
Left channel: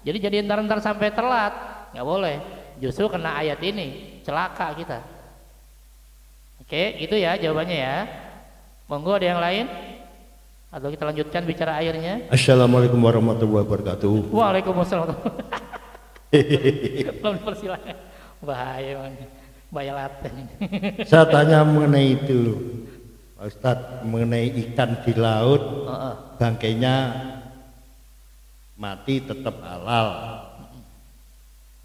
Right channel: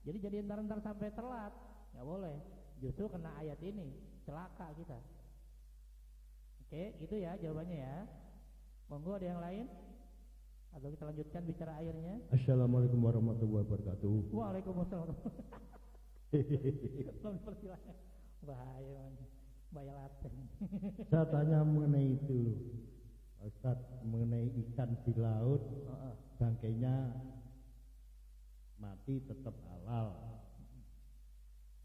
Jadi entar sampai telat, nggak boleh. Justru kena ayat ini celaka kita. Oke, gitu ya jawabannya ya. Monggo ada yang lain? Atau kita lanjutkan bicara airnya? Assalamualaikum warahmatullahi wabarakatuh. Waalaikumsalam. Belum dipersilakan. Bahaya man. Bahaya laten. Saya tanya mengenai itu, Pak Ustadz, mengenai ikan di laut, bangkainya mati tetap halal.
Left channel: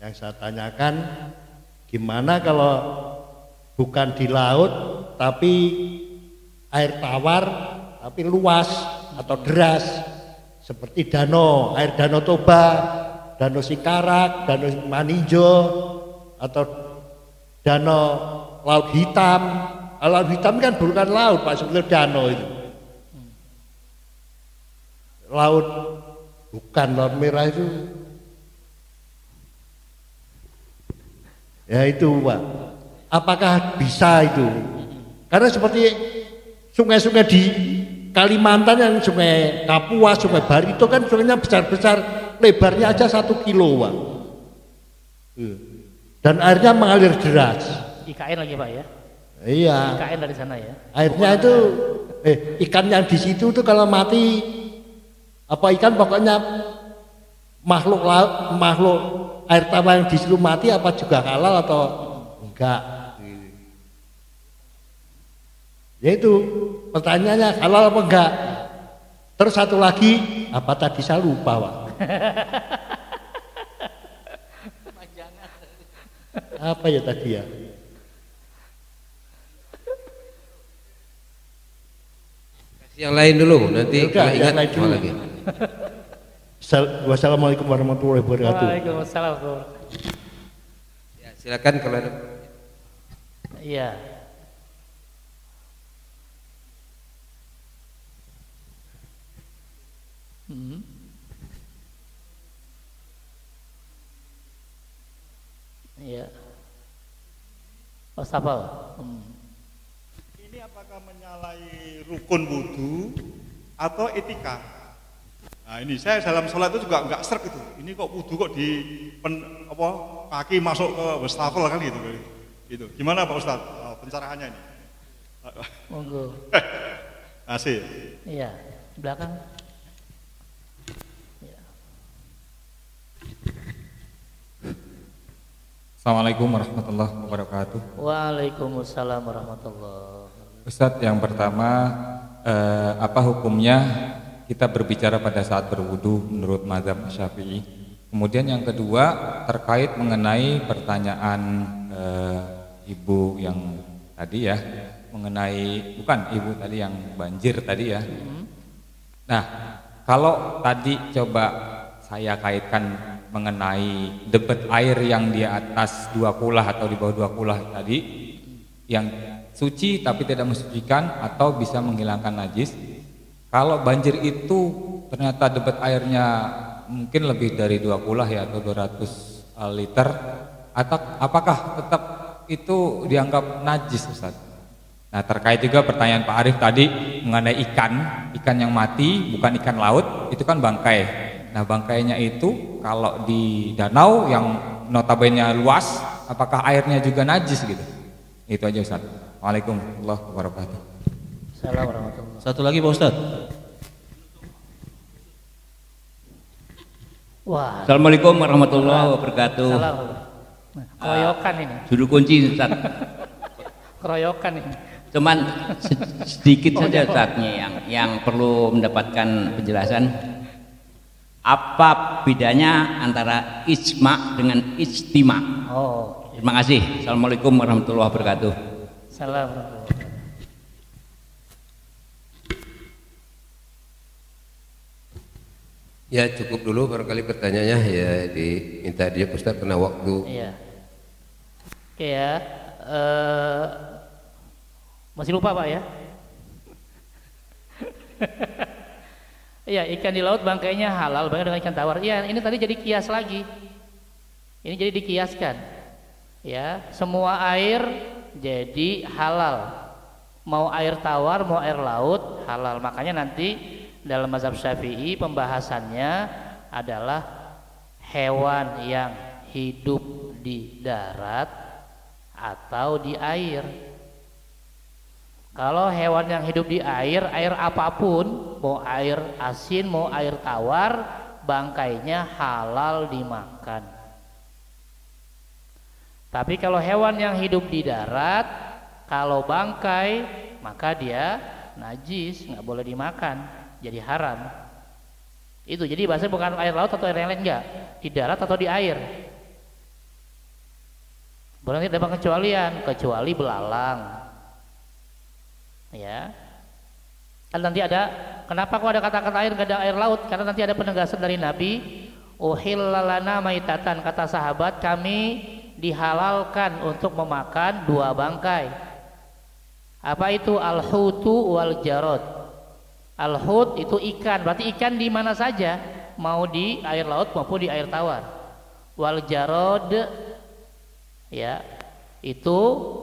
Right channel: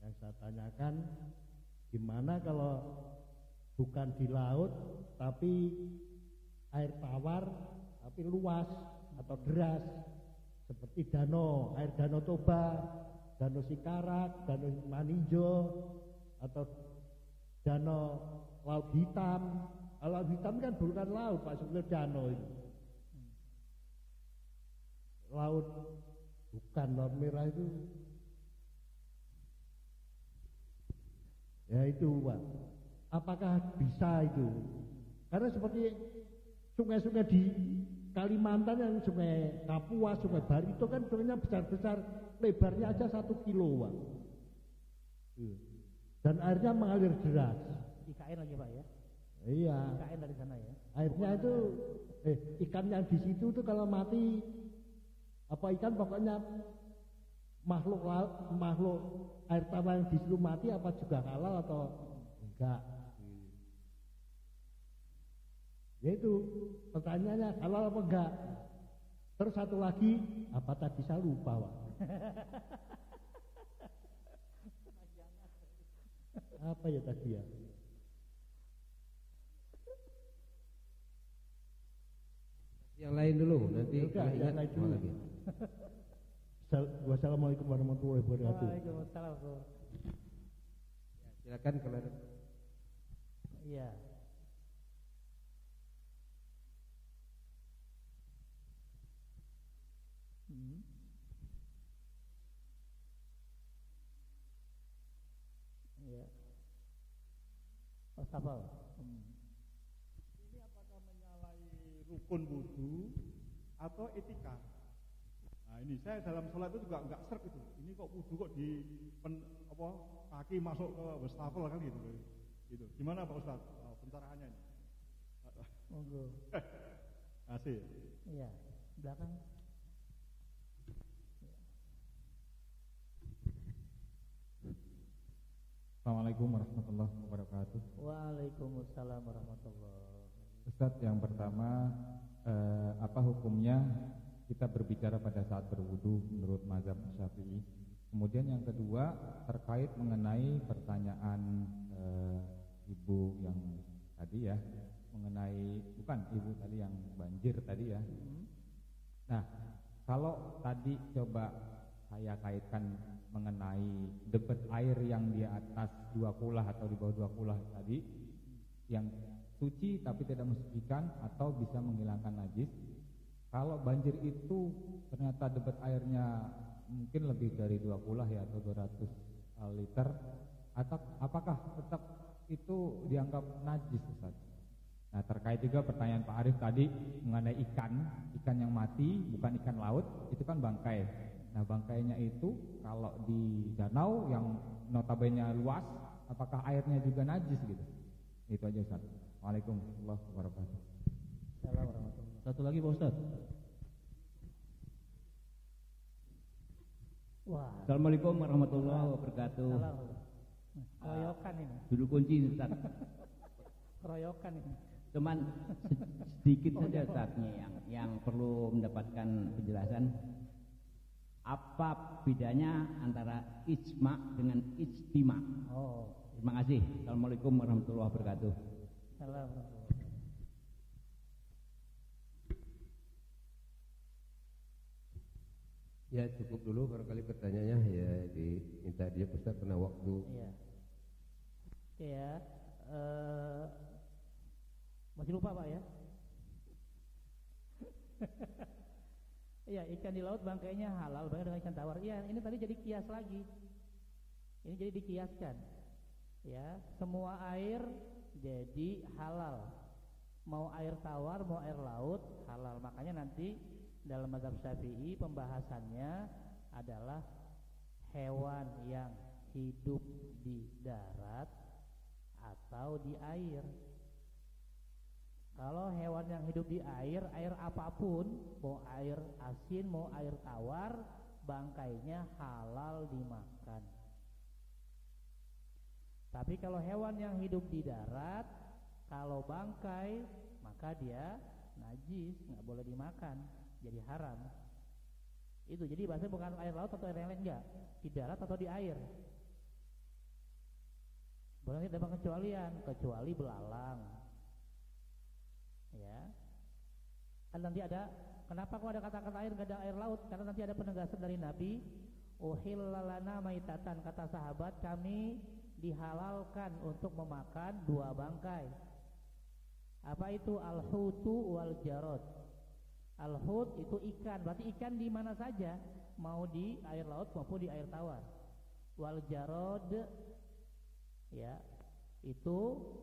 Yang saya tanyakan, gimana kalau bukan di laut tapi air tawar tapi luas atau deras seperti danau, air danau Toba, danau Sikarak, danau Maninjo atau danau Laut Hitam. Laut Hitam kan bukan laut Pak, sebetulnya danau itu. Laut bukan, Laut Merah itu Ya itu Pak. Apakah bisa itu? Karena seperti sungai-sungai di Kalimantan yang sungai Kapuas, sungai Bari itu kan sungainya besar-besar, lebarnya aja 1 kilo Pak. Dan airnya mengalir deras. IKN lagi Pak ya? Iya. IKN dari sana ya? Airnya itu, ikan yang di situ tuh kalau mati, apa ikan pokoknya makhluk laut, makhluk air tawar yang di situ mati apa juga halal atau enggak? Ya itu pertanyaannya halal apa enggak? Terus satu lagi apa tadi saya lupa Pak. Apa ya tadi ya? Yang lain dulu, nanti Udah, kalau ingat yang lain mau dulu. lagi. Wassalamualaikum warahmatullahi wabarakatuh. Waalaikumsalam. Ya, silakan kalau ada. Iya. Iya. Wastafel. Ini apakah menyalahi rukun wudhu atau etika? Nah ini saya dalam sholat itu juga nggak serk itu. Ini kok wudhu kok kaki masuk ke wastafel kan gitu. Gitu. Gimana Pak Ustadz pencerahannya ini? Monggo. Asih. Iya, belakang. Assalamualaikum warahmatullahi wabarakatuh. Waalaikumsalam warahmatullahi. Ustadz, yang pertama apa hukumnya kita berbicara pada saat berwudu menurut mazhab Syafi'i? Kemudian yang kedua terkait mengenai pertanyaan ibu yang tadi ya, mengenai bukan ibu tadi yang banjir tadi ya. Nah, kalau tadi coba saya kaitkan mengenai debit air yang di atas 2 kulah atau di bawah 2 kulah tadi yang suci tapi tidak mensucikan atau bisa menghilangkan najis. Kalau banjir itu ternyata debit airnya mungkin lebih dari 2 kulah ya atau 200 liter, atau apakah tetap itu dianggap najis Ustaz? Nah, terkait juga pertanyaan Pak Arif tadi mengenai ikan yang mati bukan ikan laut, itu kan bangkai. Nah, bangkainya itu kalau di danau yang notabene luas, apakah airnya juga najis gitu? Itu aja Ustaz. Waalaikumsalam warahmatullahi wabarakatuh. Assalamualaikum warahmatullahi. Satu lagi Pak Ustadz. Wah. Assalamualaikum warahmatullahi wabarakatuh. Salam. Nah, keroyokan ini. Juru kunci Ustaz. Keroyokan ini. Cuman sedikit saja Ustaznya yang perlu mendapatkan penjelasan. Apa bedanya antara ijma dengan ijtima? Oh. Terima kasih. Assalamualaikum warahmatullahi wabarakatuh. Salam. Ya cukup dulu barangkali pertanyaannya ya diminta dia Ustaz karena waktu. Iya. Oke ya. Masih lupa Pak ya? Iya, ikan di laut bangkainya halal bangkai dengan ikan tawar. Iya, ini tadi jadi kias lagi. Ini jadi dikiaskan. Ya, semua air jadi halal. Mau air tawar, mau air laut halal. Makanya nanti dalam mazhab Syafi'i pembahasannya adalah hewan yang hidup di darat atau di air. Kalau hewan yang hidup di air apapun, mau air asin, mau air tawar, bangkainya halal dimakan. Tapi kalau hewan yang hidup di darat, kalau bangkai, maka dia najis, nggak boleh dimakan, jadi haram. Itu jadi bahasa bukan air laut atau air yang lain, enggak, di darat atau di air. Berarti ada pengecualian, kecuali belalang. Ya, kan nanti ada. Kenapa kok ada kata-kata air, gak ada air laut? Karena nanti ada penegasan dari Nabi. Uhillalana maitatan, kata sahabat, kami dihalalkan untuk memakan 2 bangkai. Apa itu? Al-hutu wal jarod. Al-hut itu ikan, berarti ikan di mana saja, mau di air laut maupun di air tawar. Wal jarod, ya itu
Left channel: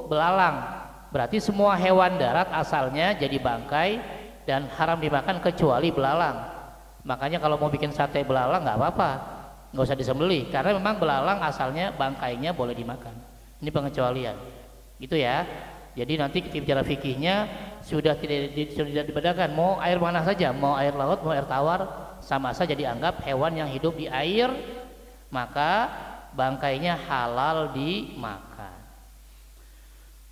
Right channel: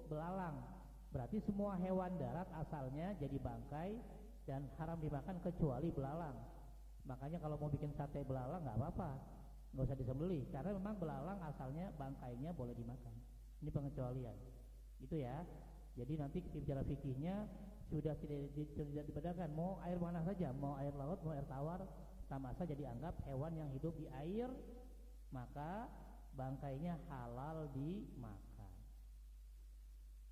belalang. Berarti semua hewan darat asalnya jadi bangkai dan haram dimakan kecuali belalang. Makanya kalau mau bikin sate belalang nggak apa-apa, nggak usah disembelih karena memang belalang asalnya bangkainya boleh dimakan. Ini pengecualian, gitu ya. Jadi nanti kita bicara fikihnya sudah tidak dibedakan mau air mana saja, mau air laut, mau air tawar, sama saja dianggap hewan yang hidup di air, maka bangkainya halal dimakan.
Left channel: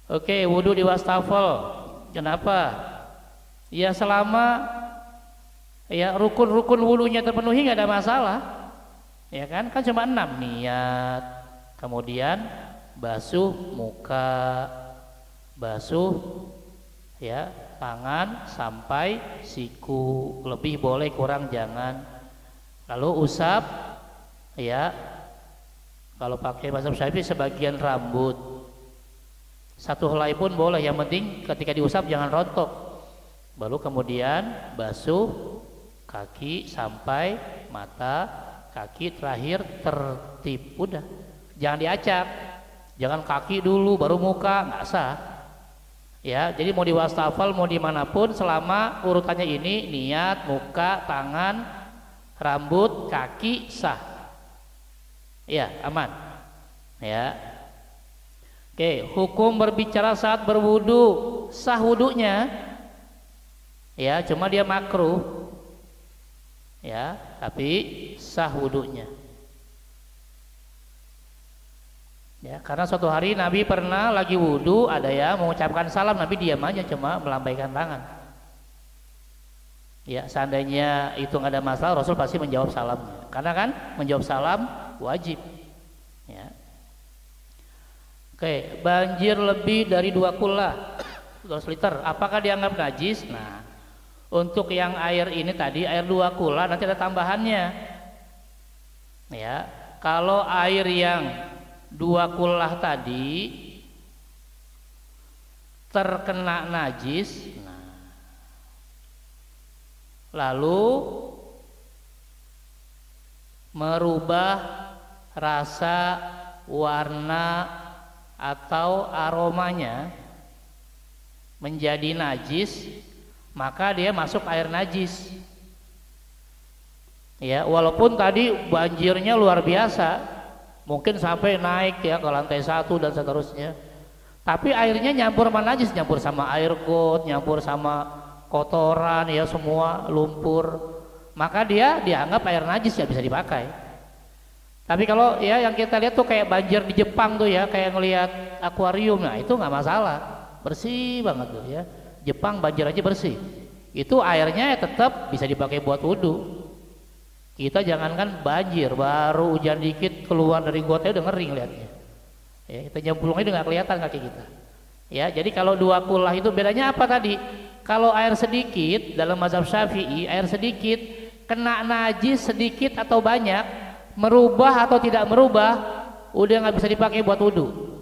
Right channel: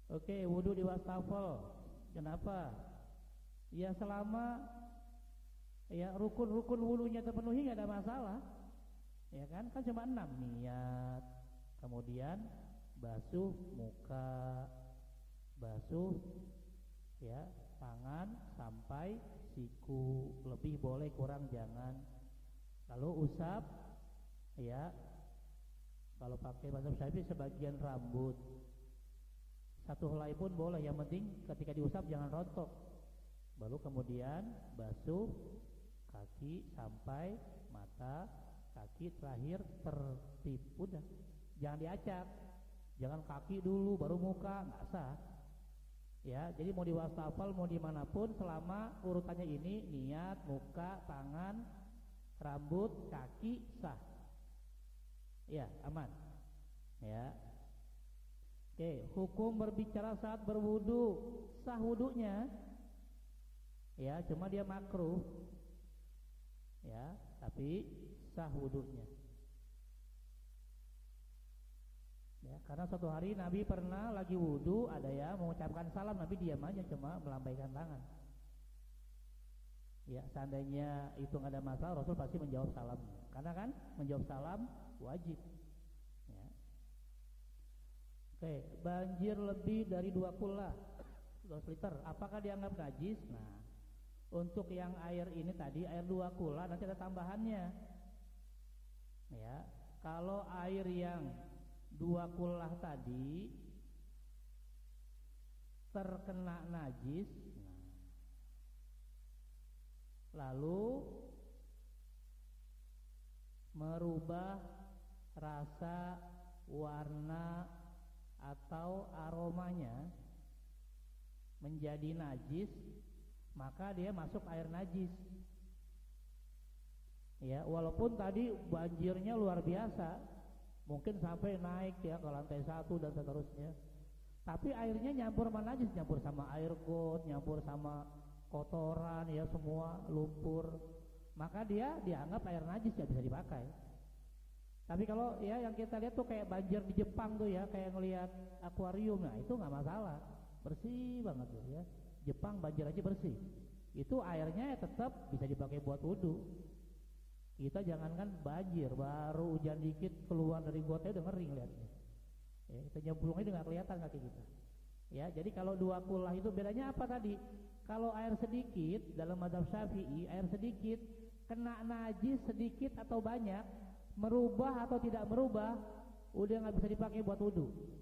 Oke, wudhu di wastafel. Kenapa? Ya selama ya rukun-rukun wudhunya terpenuhi nggak ada masalah. Ya kan cuma 6 niat, kemudian basuh muka, basuh ya tangan sampai siku, lebih boleh kurang jangan. Lalu usap ya, kalau pakai mazhab Syafi'i sebagian rambut, satu helai pun boleh, yang penting ketika diusap jangan rontok. Baru kemudian basuh kaki sampai mata, kaki terakhir tertib, udah jangan diacak, jangan kaki dulu baru muka, nggak sah ya. Jadi mau di wastafel mau dimanapun selama urutannya ini niat, muka, tangan, rambut, kaki sah ya, aman ya. Oke, hukum berbicara saat berwudu, sah wudunya ya, cuma dia makruh ya, tapi sah wudunya ya. Karena suatu hari Nabi pernah lagi wudu, ada ya mengucapkan salam, Nabi diam aja cuma melambaikan tangan ya. Seandainya itu nggak ada masalah, Rasul pasti menjawab salamnya, karena kan menjawab salam wajib ya. Oke, banjir lebih dari 2 kula 200 liter, apakah dianggap najis? Nah, untuk yang air ini tadi, air 2 kula nanti ada tambahannya ya. Kalau air yang 2 kula tadi terkena najis, nah, lalu merubah rasa, warna atau aromanya menjadi najis, maka dia masuk air najis ya. Walaupun tadi banjirnya luar biasa, mungkin sampai naik ya ke lantai 1 dan seterusnya, tapi airnya nyampur sama najis, nyampur sama air got, nyampur sama kotoran ya, semua lumpur, maka dia dianggap air najis ya, bisa dipakai. Tapi kalau ya yang kita lihat tuh kayak banjir di Jepang tuh ya, kayak ngelihat akuarium, nah itu nggak masalah, bersih banget tuh ya. Jepang banjir aja bersih, itu airnya tetap bisa dipakai buat wudhu. Kita jangankan banjir, baru hujan dikit keluar dari gotnya udah ngering liatnya ya, kita nyemplungnya udah nggak kelihatan kaki kita ya. Jadi kalau 2 kulah itu bedanya apa tadi? Kalau air sedikit dalam mazhab Syafi'i, air sedikit kena najis sedikit atau banyak, merubah atau tidak merubah, udah nggak bisa dipakai buat wudhu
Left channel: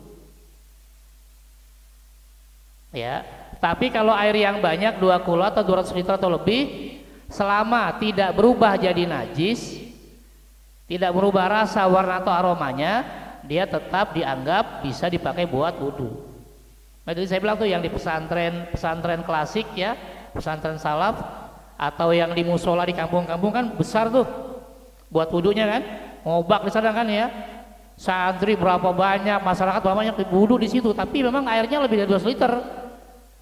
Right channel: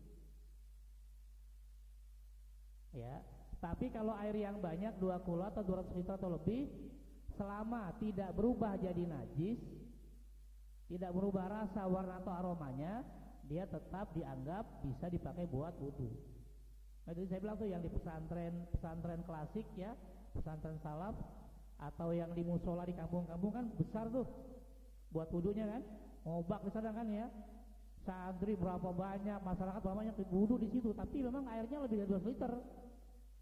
ya. Tapi kalau air yang banyak 2 kula atau 200 liter atau lebih, selama tidak berubah jadi najis, tidak berubah rasa, warna atau aromanya, dia tetap dianggap bisa dipakai buat wudhu. Nah, jadi saya bilang tuh yang di pesantren klasik ya, pesantren salaf, atau yang di musola di kampung-kampung kan besar tuh buat wudhunya kan, ngobak di sana kan ya, santri berapa banyak, masyarakat berapa banyak wudhu di situ, tapi memang airnya lebih dari 200 liter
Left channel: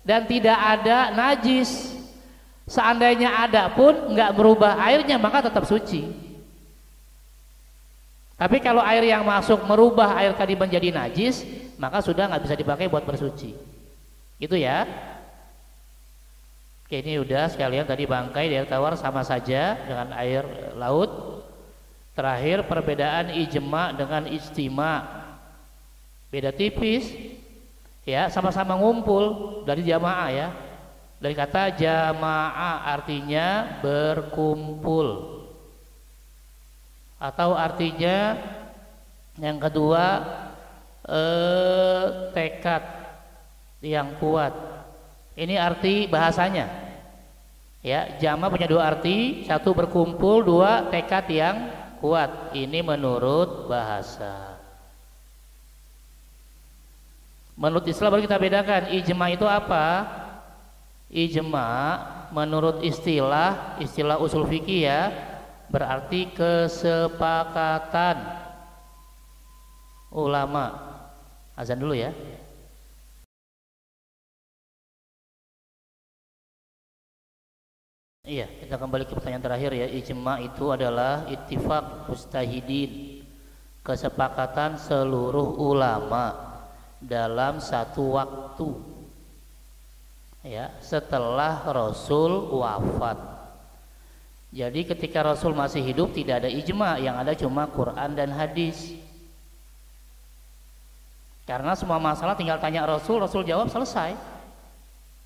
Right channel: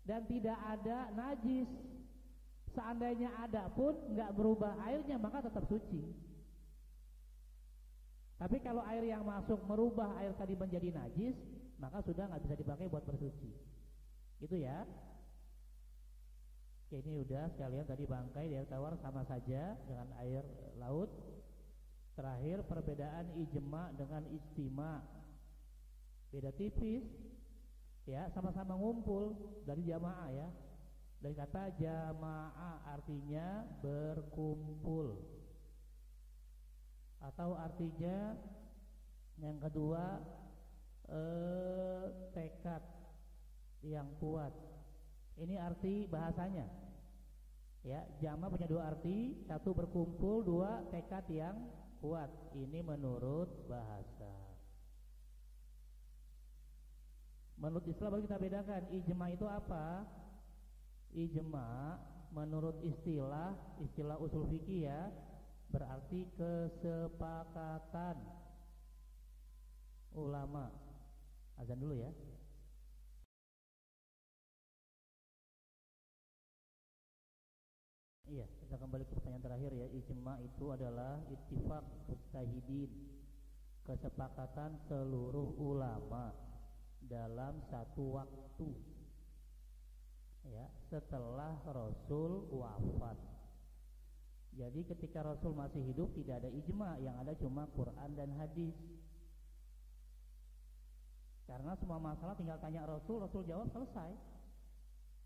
dan tidak ada najis. Seandainya ada pun nggak berubah airnya, maka tetap suci. Tapi kalau air yang masuk merubah air tadi menjadi najis, maka sudah nggak bisa dipakai buat bersuci. Gitu ya. Oke, ini udah sekalian tadi bangkai di air tawar sama saja dengan air laut. Terakhir perbedaan ijma dengan ijtima, beda tipis ya, sama-sama ngumpul dari jamaah ya. Dari kata jamaah artinya berkumpul, atau artinya yang kedua tekad yang kuat. Ini arti bahasanya ya. Jamaah punya 2 arti, 1 berkumpul, 2 tekad yang kuat. Ini menurut bahasa. Menurut Islam baru kita bedakan ijma itu apa. Ijma menurut istilah usul fikih ya, berarti kesepakatan ulama. Azan dulu ya. Iya, kita kembali ke pertanyaan terakhir ya. Ijma itu adalah ittifaq mujtahidin, kesepakatan seluruh ulama dalam satu waktu, ya, setelah Rasul wafat. Jadi ketika Rasul masih hidup tidak ada ijma, yang ada cuma Quran dan hadis. Karena semua masalah tinggal tanya Rasul, Rasul jawab, selesai.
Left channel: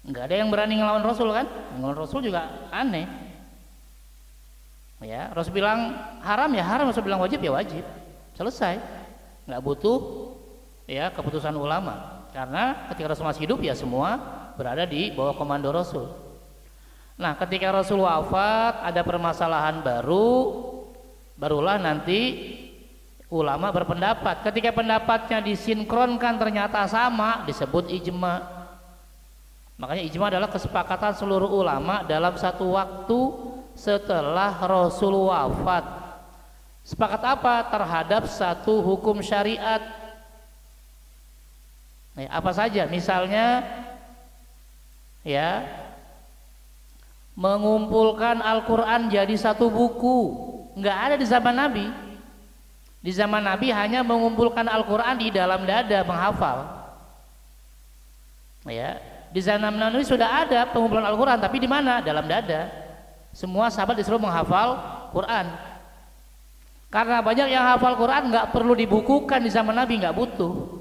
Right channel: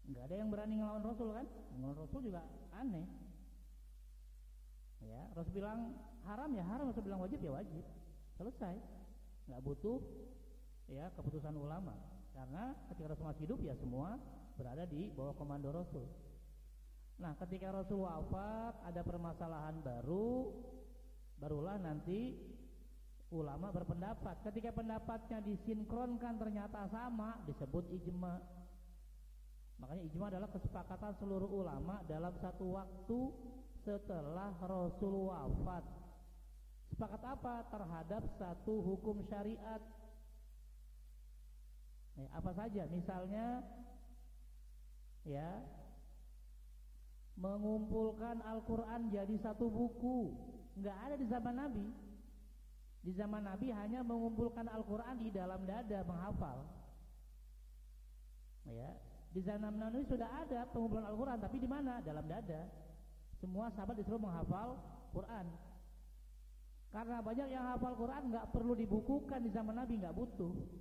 Nggak ada yang berani ngelawan Rasul kan? Ngelawan Rasul juga aneh. Ya, Rasul bilang haram ya haram, Rasul bilang wajib ya wajib. Selesai. Nggak butuh ya keputusan ulama. Karena ketika Rasul masih hidup ya semua berada di bawah komando Rasul. Nah, ketika Rasul wafat ada permasalahan barulah nanti ulama berpendapat. Ketika pendapatnya disinkronkan ternyata sama, disebut ijma. Makanya ijma adalah kesepakatan seluruh ulama dalam satu waktu setelah Rasul wafat. Sepakat apa? Terhadap satu hukum syariat. Nah, apa saja? Misalnya ya, mengumpulkan Al-Quran jadi satu buku. Nggak ada di zaman Nabi. Di zaman Nabi hanya mengumpulkan Al-Quran di dalam dada, menghafal. Ya, di zaman Nabi sudah ada pengumpulan Al-Quran, tapi di mana? Dalam dada. Semua sahabat disuruh menghafal Quran. Karena banyak yang hafal Quran nggak perlu dibukukan di zaman Nabi, nggak butuh.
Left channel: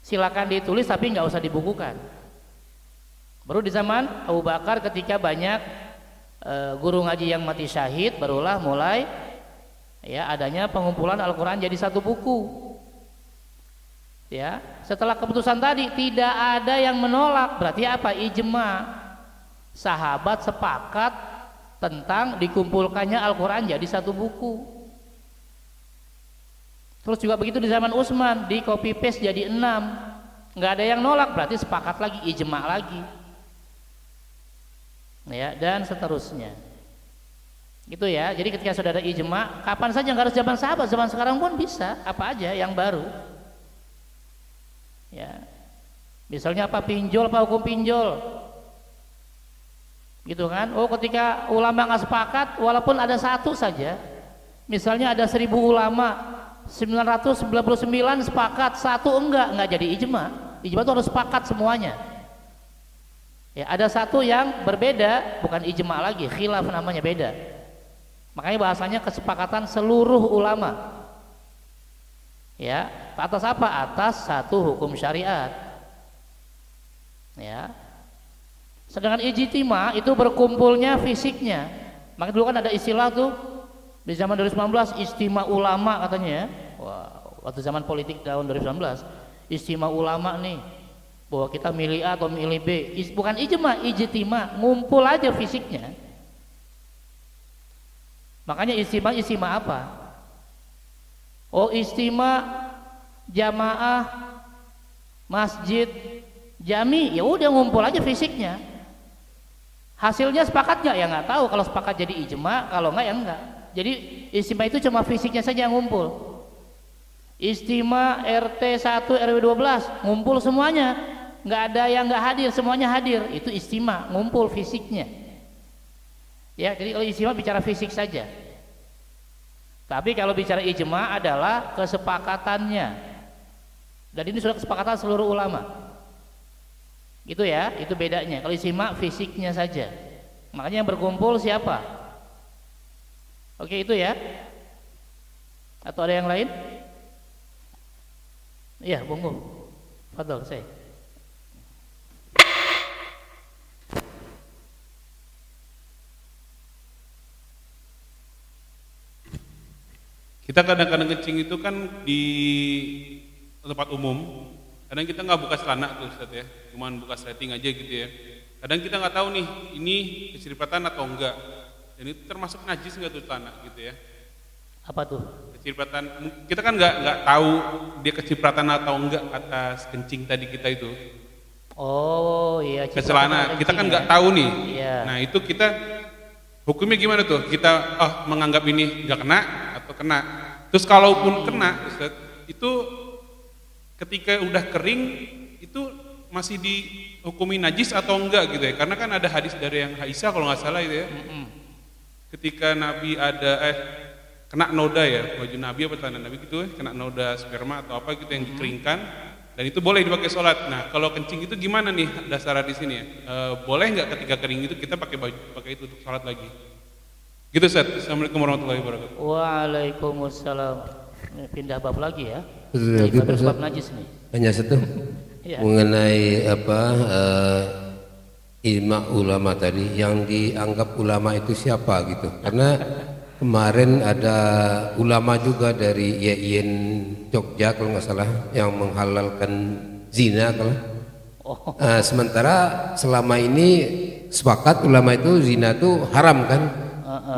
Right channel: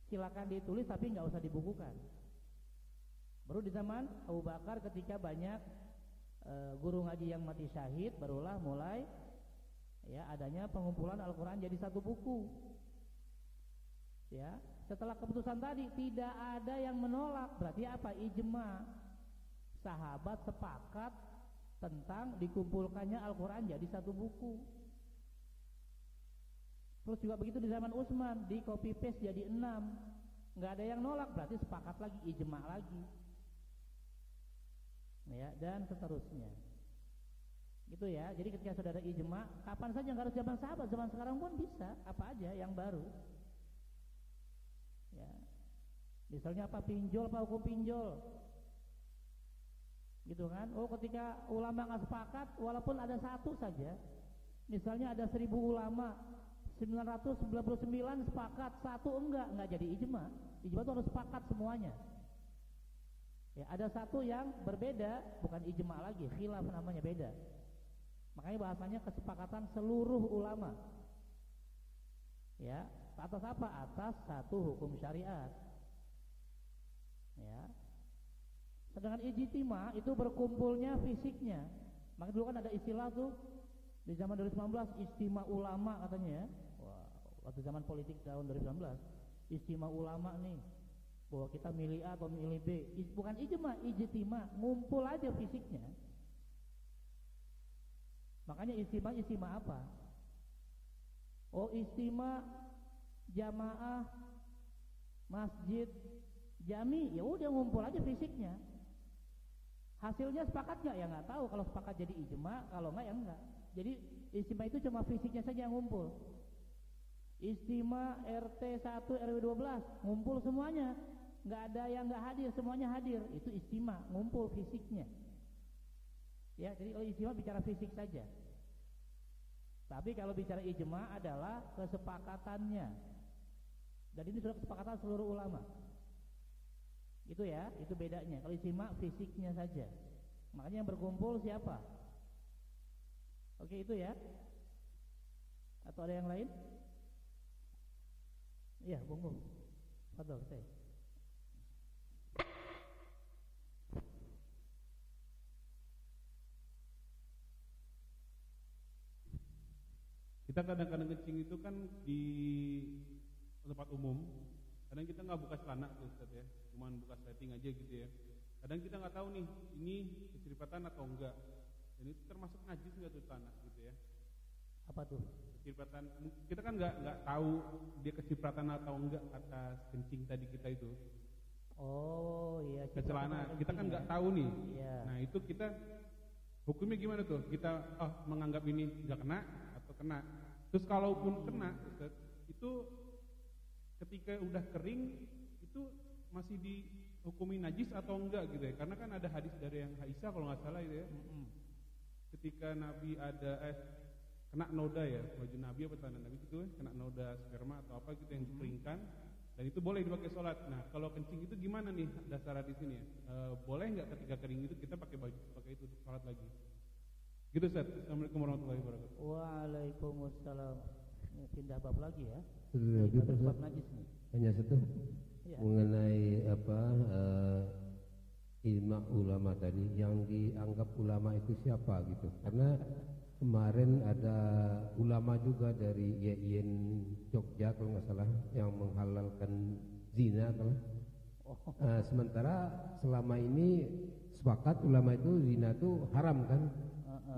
Silakan ditulis tapi nggak usah dibukukan. Baru di zaman Abu Bakar ketika banyak guru ngaji yang mati syahid, barulah mulai ya adanya pengumpulan Al-Quran jadi satu buku. Ya, setelah keputusan tadi tidak ada yang menolak, berarti apa? Ijma. Sahabat sepakat tentang dikumpulkannya Al-Quran jadi satu buku. Terus juga begitu di zaman Utsman, di copy paste jadi 6. Nggak ada yang nolak, berarti sepakat lagi, ijma lagi. Ya, dan seterusnya. Gitu ya. Jadi ketika sudah ada ijma, kapan saja, nggak harus zaman sahabat, zaman sekarang pun bisa, apa aja yang baru. Ya, misalnya apa, pinjol, apa hukum pinjol, gitu kan? Oh, ketika ulama nggak sepakat, walaupun ada satu saja, misalnya ada 1000 ulama, 999 sepakat, satu enggak jadi ijma. Ijma itu harus sepakat semuanya. Ya, ada satu yang berbeda, bukan ijma lagi, khilaf namanya, beda. Makanya bahasanya kesepakatan seluruh ulama. Ya, atas apa? Atas satu hukum syariat. Ya. Sedangkan ijtima itu berkumpulnya fisiknya. Maka dulu kan ada istilah tuh di zaman 2019 istimewa ulama katanya. Wah, waktu zaman politik tahun 2019, istimewa ulama nih. Bahwa kita milih A atau milih B. Bukan ijma, ijtima, ngumpul aja fisiknya. Makanya istimewa apa? Oh, istimewa jamaah masjid jami, ya udah ngumpul aja fisiknya. Hasilnya sepakat nggak? Ya nggak tahu. Kalau sepakat jadi ijma, kalau nggak ya enggak. Jadi istimewa itu cuma fisiknya saja yang ngumpul. Istimewa RT 1 RW 12 ngumpul semuanya, nggak ada yang nggak hadir, semuanya hadir. Itu istimewa, ngumpul fisiknya. Ya, jadi kalau istimewa bicara fisik saja. Tapi kalau bicara ijma adalah kesepakatannya. Dan ini sudah kesepakatan seluruh ulama. Gitu ya, itu bedanya. Kalau ijma fisiknya saja. Makanya yang berkumpul siapa? Oke, itu ya. Atau ada yang lain? Iya, Bung. Fadhol, saya. Kita kadang-kadang kencing itu kan di tempat umum, kadang kita nggak buka celana tuh Ustaz ya, cuman buka setting aja gitu ya. Kadang kita nggak tahu nih ini keseripatan atau enggak, dan itu termasuk najis nggak tuh celana gitu ya. Apa tuh? Kecipratan, kita kan nggak tahu dia kecipratan atau enggak atas kencing tadi kita itu. Oh iya. Ke celana, kita kan nggak tahu nih. Iya. Nah itu kita hukumnya gimana tuh? Kita menganggap ini nggak kena atau kena. Terus kalaupun kena, Ustaz, itu ketika udah kering itu masih dihukumi najis atau enggak gitu ya? Karena kan ada hadis dari yang Aisyah kalau nggak salah itu ya. Ketika Nabi ada kena noda ya, baju Nabi apa celana Nabi gitu ya, kena noda sperma atau apa gitu yang dikeringkan, dan itu boleh dipakai sholat. Nah kalau kencing itu gimana nih dasar di sini ya? Boleh nggak ketika kering itu kita pakai baju pakai itu untuk sholat lagi? Gitu Ustaz. Assalamualaikum warahmatullahi wabarakatuh. Waalaikumsalam. Pindah bab lagi ya. Betul, Daripada Ustaz. bab najis nih. Hanya satu Iya. mengenai ijma ulama tadi, yang dianggap ulama itu siapa gitu. Karena kemarin ada ulama juga dari YIN Jogja kalau nggak salah yang menghalalkan zina kalau. Sementara selama ini sepakat ulama itu zina itu haram kan.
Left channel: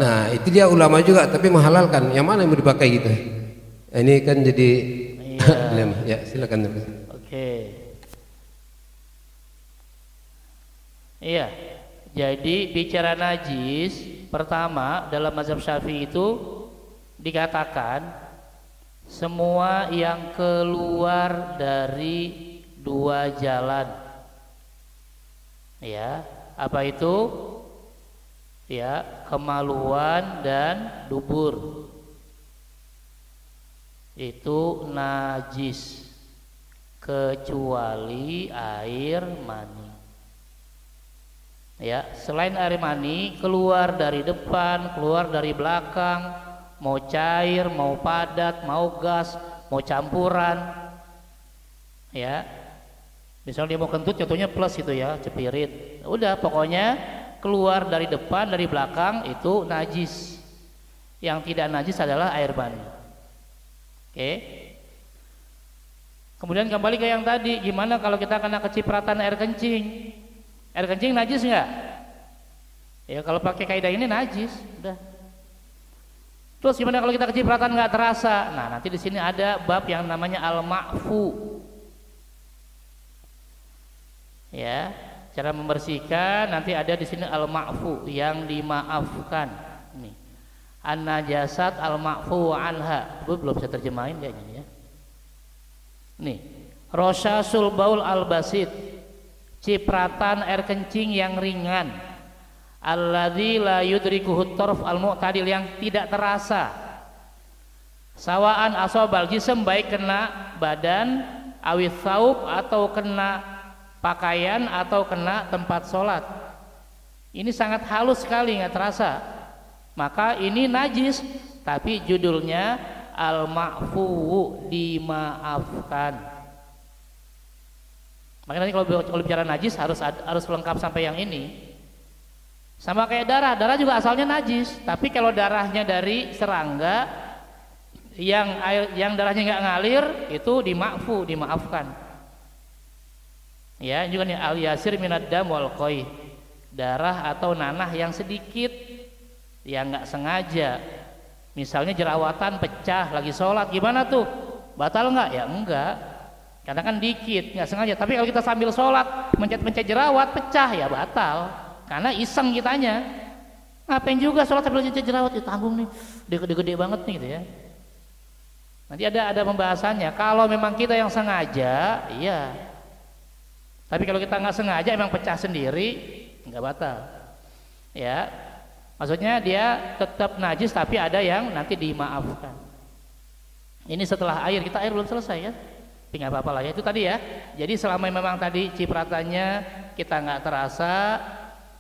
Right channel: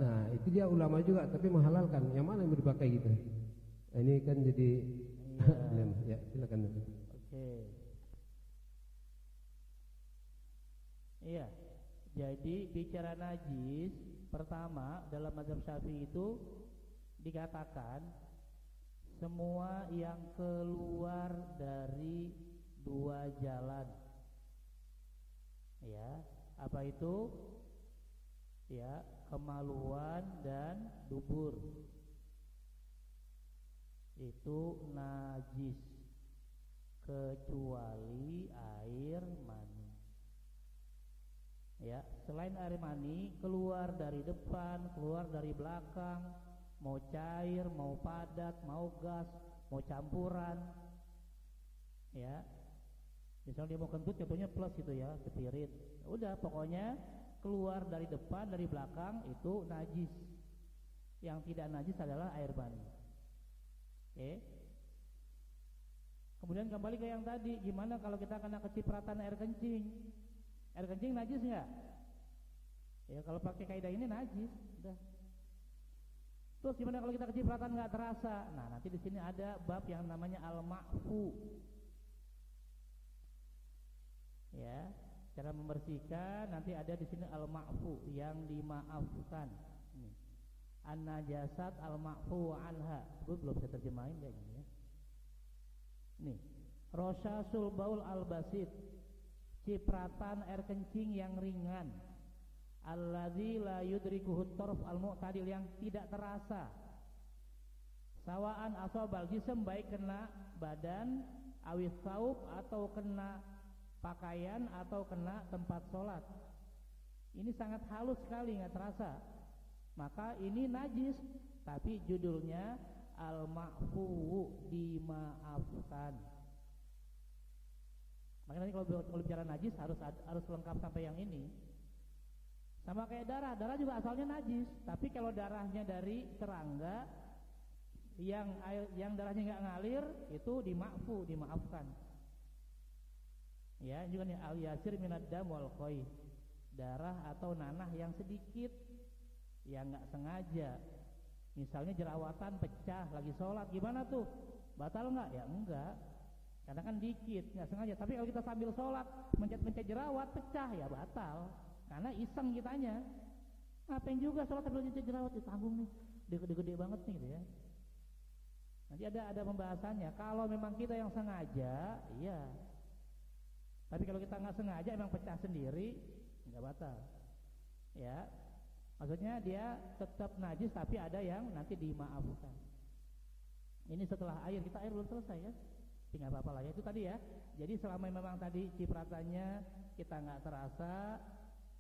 Nah itu dia ulama juga tapi menghalalkan. Yang mana yang mau dipakai gitu? Ini kan jadi dilema. Ya silakan. Oke. Iya. Jadi bicara najis, pertama dalam mazhab Syafi'i itu dikatakan semua yang keluar dari dua jalan. Ya, apa itu? Ya, kemaluan dan dubur. Itu najis kecuali air mani. Ya, selain air mani keluar dari depan, keluar dari belakang, mau cair, mau padat, mau gas, mau campuran. Ya. Misalnya dia mau kentut contohnya plus itu ya, cepirit. Udah pokoknya keluar dari depan, dari belakang itu najis. Yang tidak najis adalah air mani. Oke. Kemudian kembali ke yang tadi, gimana kalau kita kena kecipratan air kencing? Air kencing najis nggak? Ya kalau pakai kaidah ini najis, udah. Terus gimana kalau kita kecipratan nggak terasa? Nah nanti di sini ada bab yang namanya al-ma'fu. Ya, cara membersihkan nanti ada di sini al-ma'fu yang dimaafkan. Nih, an-najasat al-ma'fu anha. Belum bisa terjemahin kayaknya ya. Nih, rosasul baul al-basit. Cipratan air kencing yang ringan, alladzi la yudrikuhu tarf al-mu'tadil, yang tidak terasa. Sawaan asobal jism, baik kena badan, awit saub, atau kena pakaian, atau kena tempat sholat. Ini sangat halus sekali, nggak terasa. Maka ini najis, tapi judulnya al-ma'fu, dimaafkan. Makanya nanti kalau bicara najis harus lengkap sampai yang ini. Sama kayak darah juga asalnya najis, tapi kalau darahnya dari serangga yang darahnya nggak ngalir itu dima'fu, dimaafkan. Ya, juga nih al-yasir minad dam wal qoi, darah atau nanah yang sedikit, yang nggak sengaja. Misalnya jerawatan pecah lagi sholat, gimana tuh? Batal nggak? Ya enggak. Karena kan dikit, nggak sengaja. Tapi kalau kita sambil sholat mencet-mencet jerawat pecah, ya batal. Karena iseng kitanya. Ngapain juga sholat sambil mencet jerawat? Ya tanggung nih, gede-gede banget nih gitu ya. Nanti ada pembahasannya. Kalau memang kita yang sengaja, iya. Tapi kalau kita nggak sengaja, emang pecah sendiri, nggak batal. Ya, maksudnya dia tetap najis, tapi ada yang nanti dimaafkan. Ini setelah air, kita air belum selesai ya. Tapi nggak apa-apa lah ya, itu tadi ya. Jadi selama memang tadi cipratannya kita nggak terasa,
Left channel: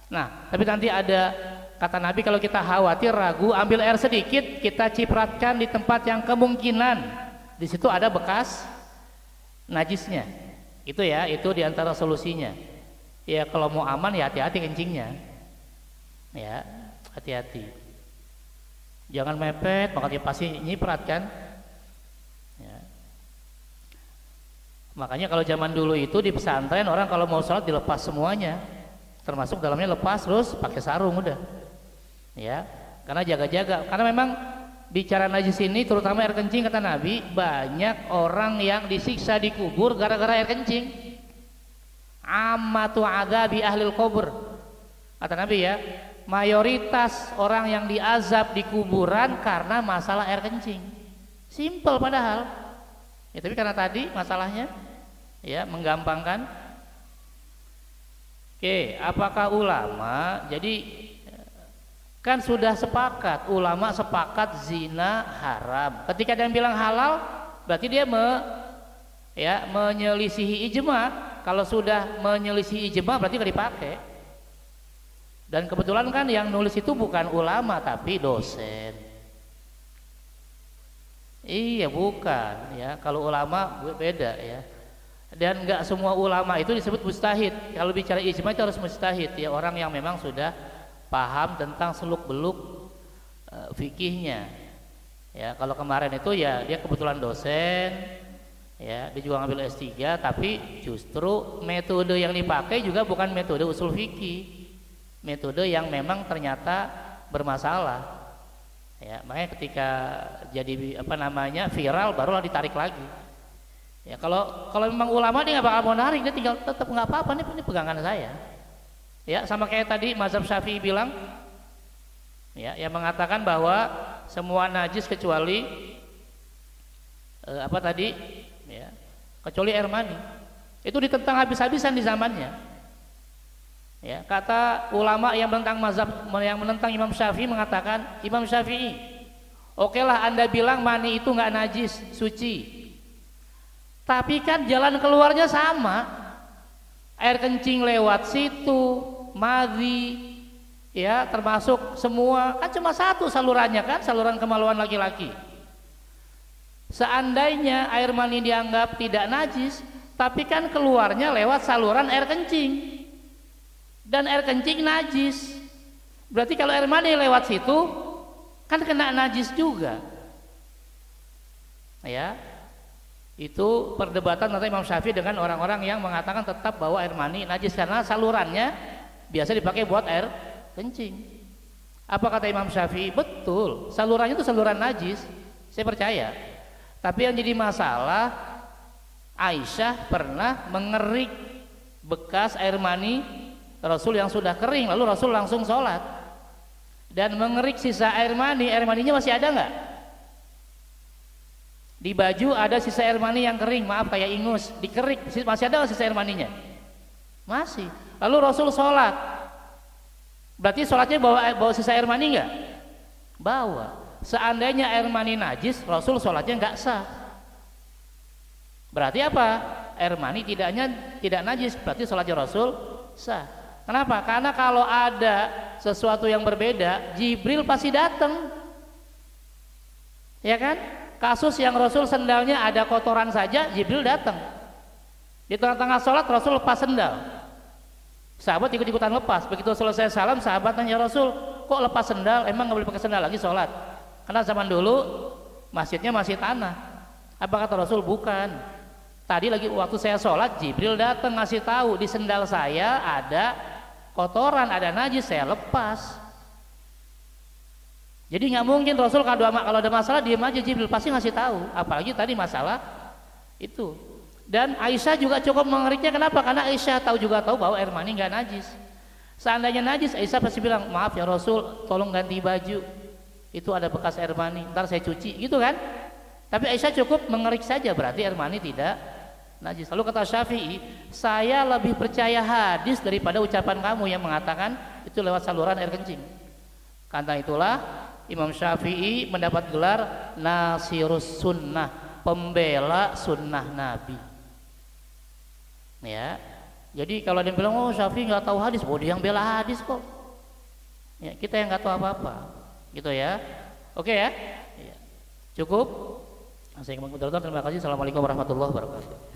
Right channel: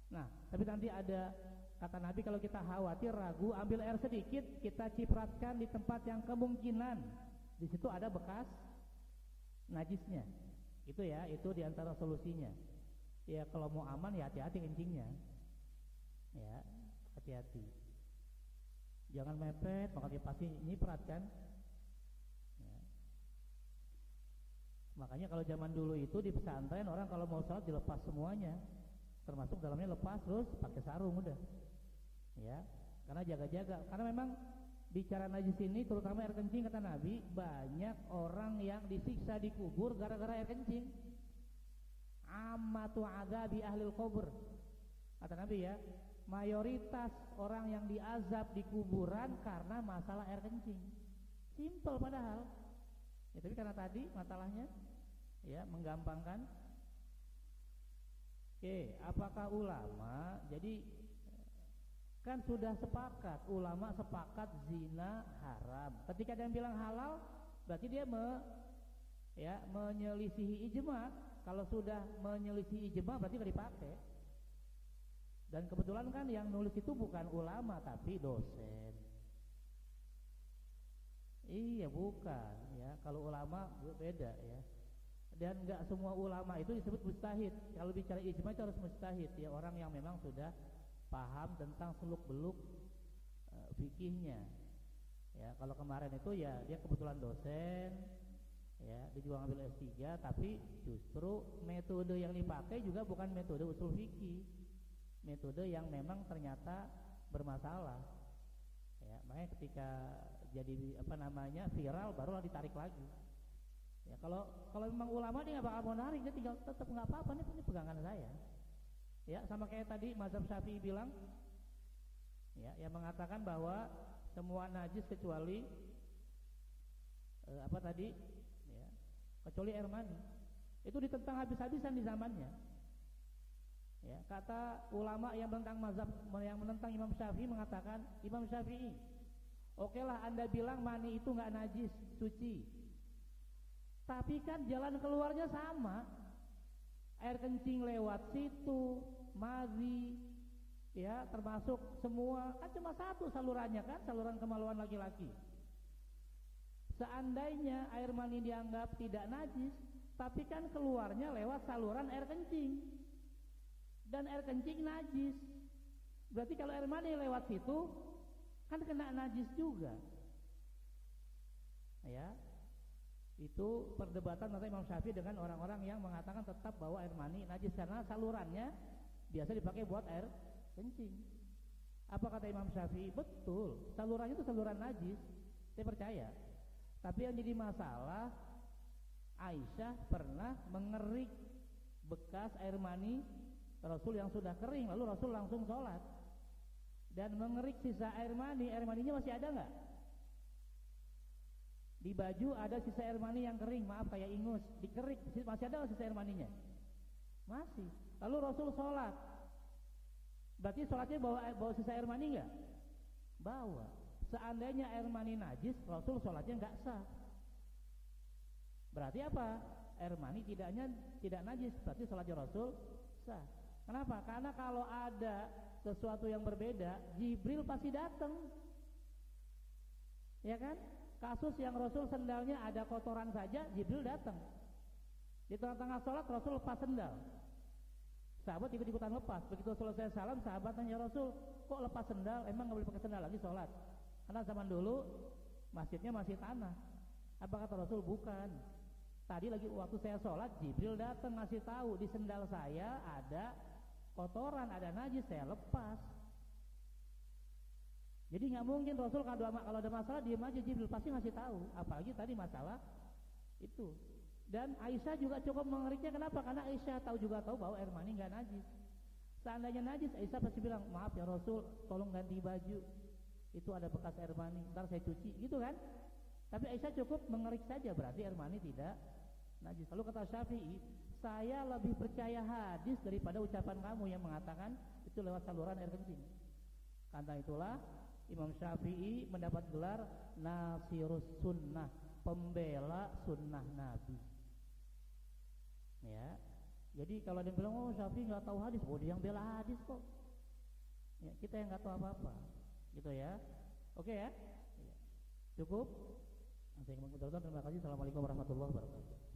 nah tapi nanti ada kata Nabi, kalau kita khawatir ragu, ambil air sedikit, kita cipratkan di tempat yang kemungkinan di situ ada bekas najisnya. Itu ya, itu diantara solusinya. Ya kalau mau aman ya hati-hati kencingnya, ya hati-hati. Jangan mepet, makanya pasti nyiprat kan. Makanya kalau zaman dulu itu di pesantren orang kalau mau sholat dilepas semuanya, termasuk dalamnya lepas, terus pakai sarung udah, ya, karena jaga-jaga. Karena memang bicara najis ini terutama air kencing, kata Nabi, banyak orang yang disiksa di kubur gara-gara air kencing. Ammatu adzabi ahlil kubur, kata Nabi ya, mayoritas orang yang diazab di kuburan karena masalah air kencing. Simple padahal ya, tapi karena tadi masalahnya ya menggampangkan. Oke, apakah ulama, jadi kan sudah sepakat, ulama sepakat zina haram. Ketika dia bilang halal, berarti dia menyelisihi ijma. Kalau sudah menyelisihi ijma berarti nggak dipakai. Dan kebetulan kan yang nulis itu bukan ulama tapi dosen. Iya bukan ya. Kalau ulama beda ya. Dan nggak semua ulama itu disebut mujtahid. Kalau bicara ijma itu harus mujtahid ya, orang yang memang sudah paham tentang seluk-beluk fikihnya. Ya, kalau kemarin itu ya dia kebetulan dosen, ya dia juga ngambil S3, tapi justru metode yang dipakai juga bukan metode usul fikih, metode yang memang ternyata bermasalah. Ya, makanya ketika jadi viral barulah ditarik lagi. Ya, kalau memang ulama dia nggak bakal mau narik, dia tinggal tetap nggak apa-apa, ini pegangan saya. Ya, sama kayak tadi mazhab Syafi'i bilang, ya, yang mengatakan bahwa semua najis kecuali ya, kecuali air mani. Itu ditentang habis-habisan di zamannya. Ya, kata ulama yang menentang Imam Syafi'i mengatakan, Imam Syafi'i, okelah Anda bilang mani itu nggak najis, suci. Tapi kan jalan keluarnya sama, air kencing lewat situ, madhi, ya termasuk semua, kan cuma satu salurannya kan, saluran kemaluan laki-laki. Seandainya air mani dianggap tidak najis, tapi kan keluarnya lewat saluran air kencing, dan air kencing najis, berarti kalau air mani lewat situ kan kena najis juga. Ya, itu perdebatan antara Imam Syafi'i dengan orang-orang yang mengatakan tetap bahwa air mani najis karena salurannya biasa dipakai buat air kencing. Apa kata Imam Syafi'i? Betul, salurannya itu saluran najis, saya percaya. Tapi yang jadi masalah, Aisyah pernah mengerik bekas air mani Rasul yang sudah kering, lalu Rasul langsung sholat dan mengerik sisa air maninya masih ada nggak? Di baju ada sisa air mani yang kering, maaf kayak ingus, dikerik, masih ada nggak sisa air maninya? Masih. Lalu Rasul sholat, berarti sholatnya bawa sisa air mani nggak? Bawa. Seandainya air mani najis, Rasul sholatnya nggak sah. Berarti apa? Air mani tidak najis, berarti sholatnya Rasul sah. Kenapa? Karena kalau ada sesuatu yang berbeda, Jibril pasti datang, ya kan? Kasus yang Rasul sendalnya ada kotoran saja, Jibril datang. Di tengah-tengah sholat Rasul lepas sendal, sahabat ikut-ikutan lepas. Begitu selesai salam, sahabat tanya Rasul, kok lepas sendal? Emang nggak boleh pakai sendal lagi sholat? Karena zaman dulu masjidnya masih tanah. Apa kata Rasul? Bukan. Tadi lagi waktu saya sholat, Jibril datang ngasih tahu di sendal saya ada kotoran, ada najis, saya lepas. Jadi nggak mungkin Rasul kalau ada masalah diam aja, Jibril pasti ngasih tahu. Apalagi tadi masalah itu. Dan Aisyah juga cukup mengeriknya. Kenapa? Karena Aisyah tahu bahwa air mani nggak najis. Seandainya najis, Aisyah pasti bilang, maaf ya Rasul, tolong ganti baju. Itu ada bekas air mani, ntar saya cuci, gitu kan? Tapi Aisyah cukup mengerik saja, berarti air mani tidak najis. Lalu kata Syafi'i, saya lebih percaya hadis daripada ucapan kamu yang mengatakan itu lewat saluran air kencing. Karena itulah Imam Syafi'i mendapat gelar Nasirus Sunnah, pembela sunnah Nabi. Ya, jadi kalau dia bilang, oh Syafi'i nggak tahu hadis, dia yang bela hadis kok. Ya, kita yang nggak tahu apa-apa, gitu ya. Oke ya, cukup. Terima kasih. Assalamualaikum warahmatullahi wabarakatuh.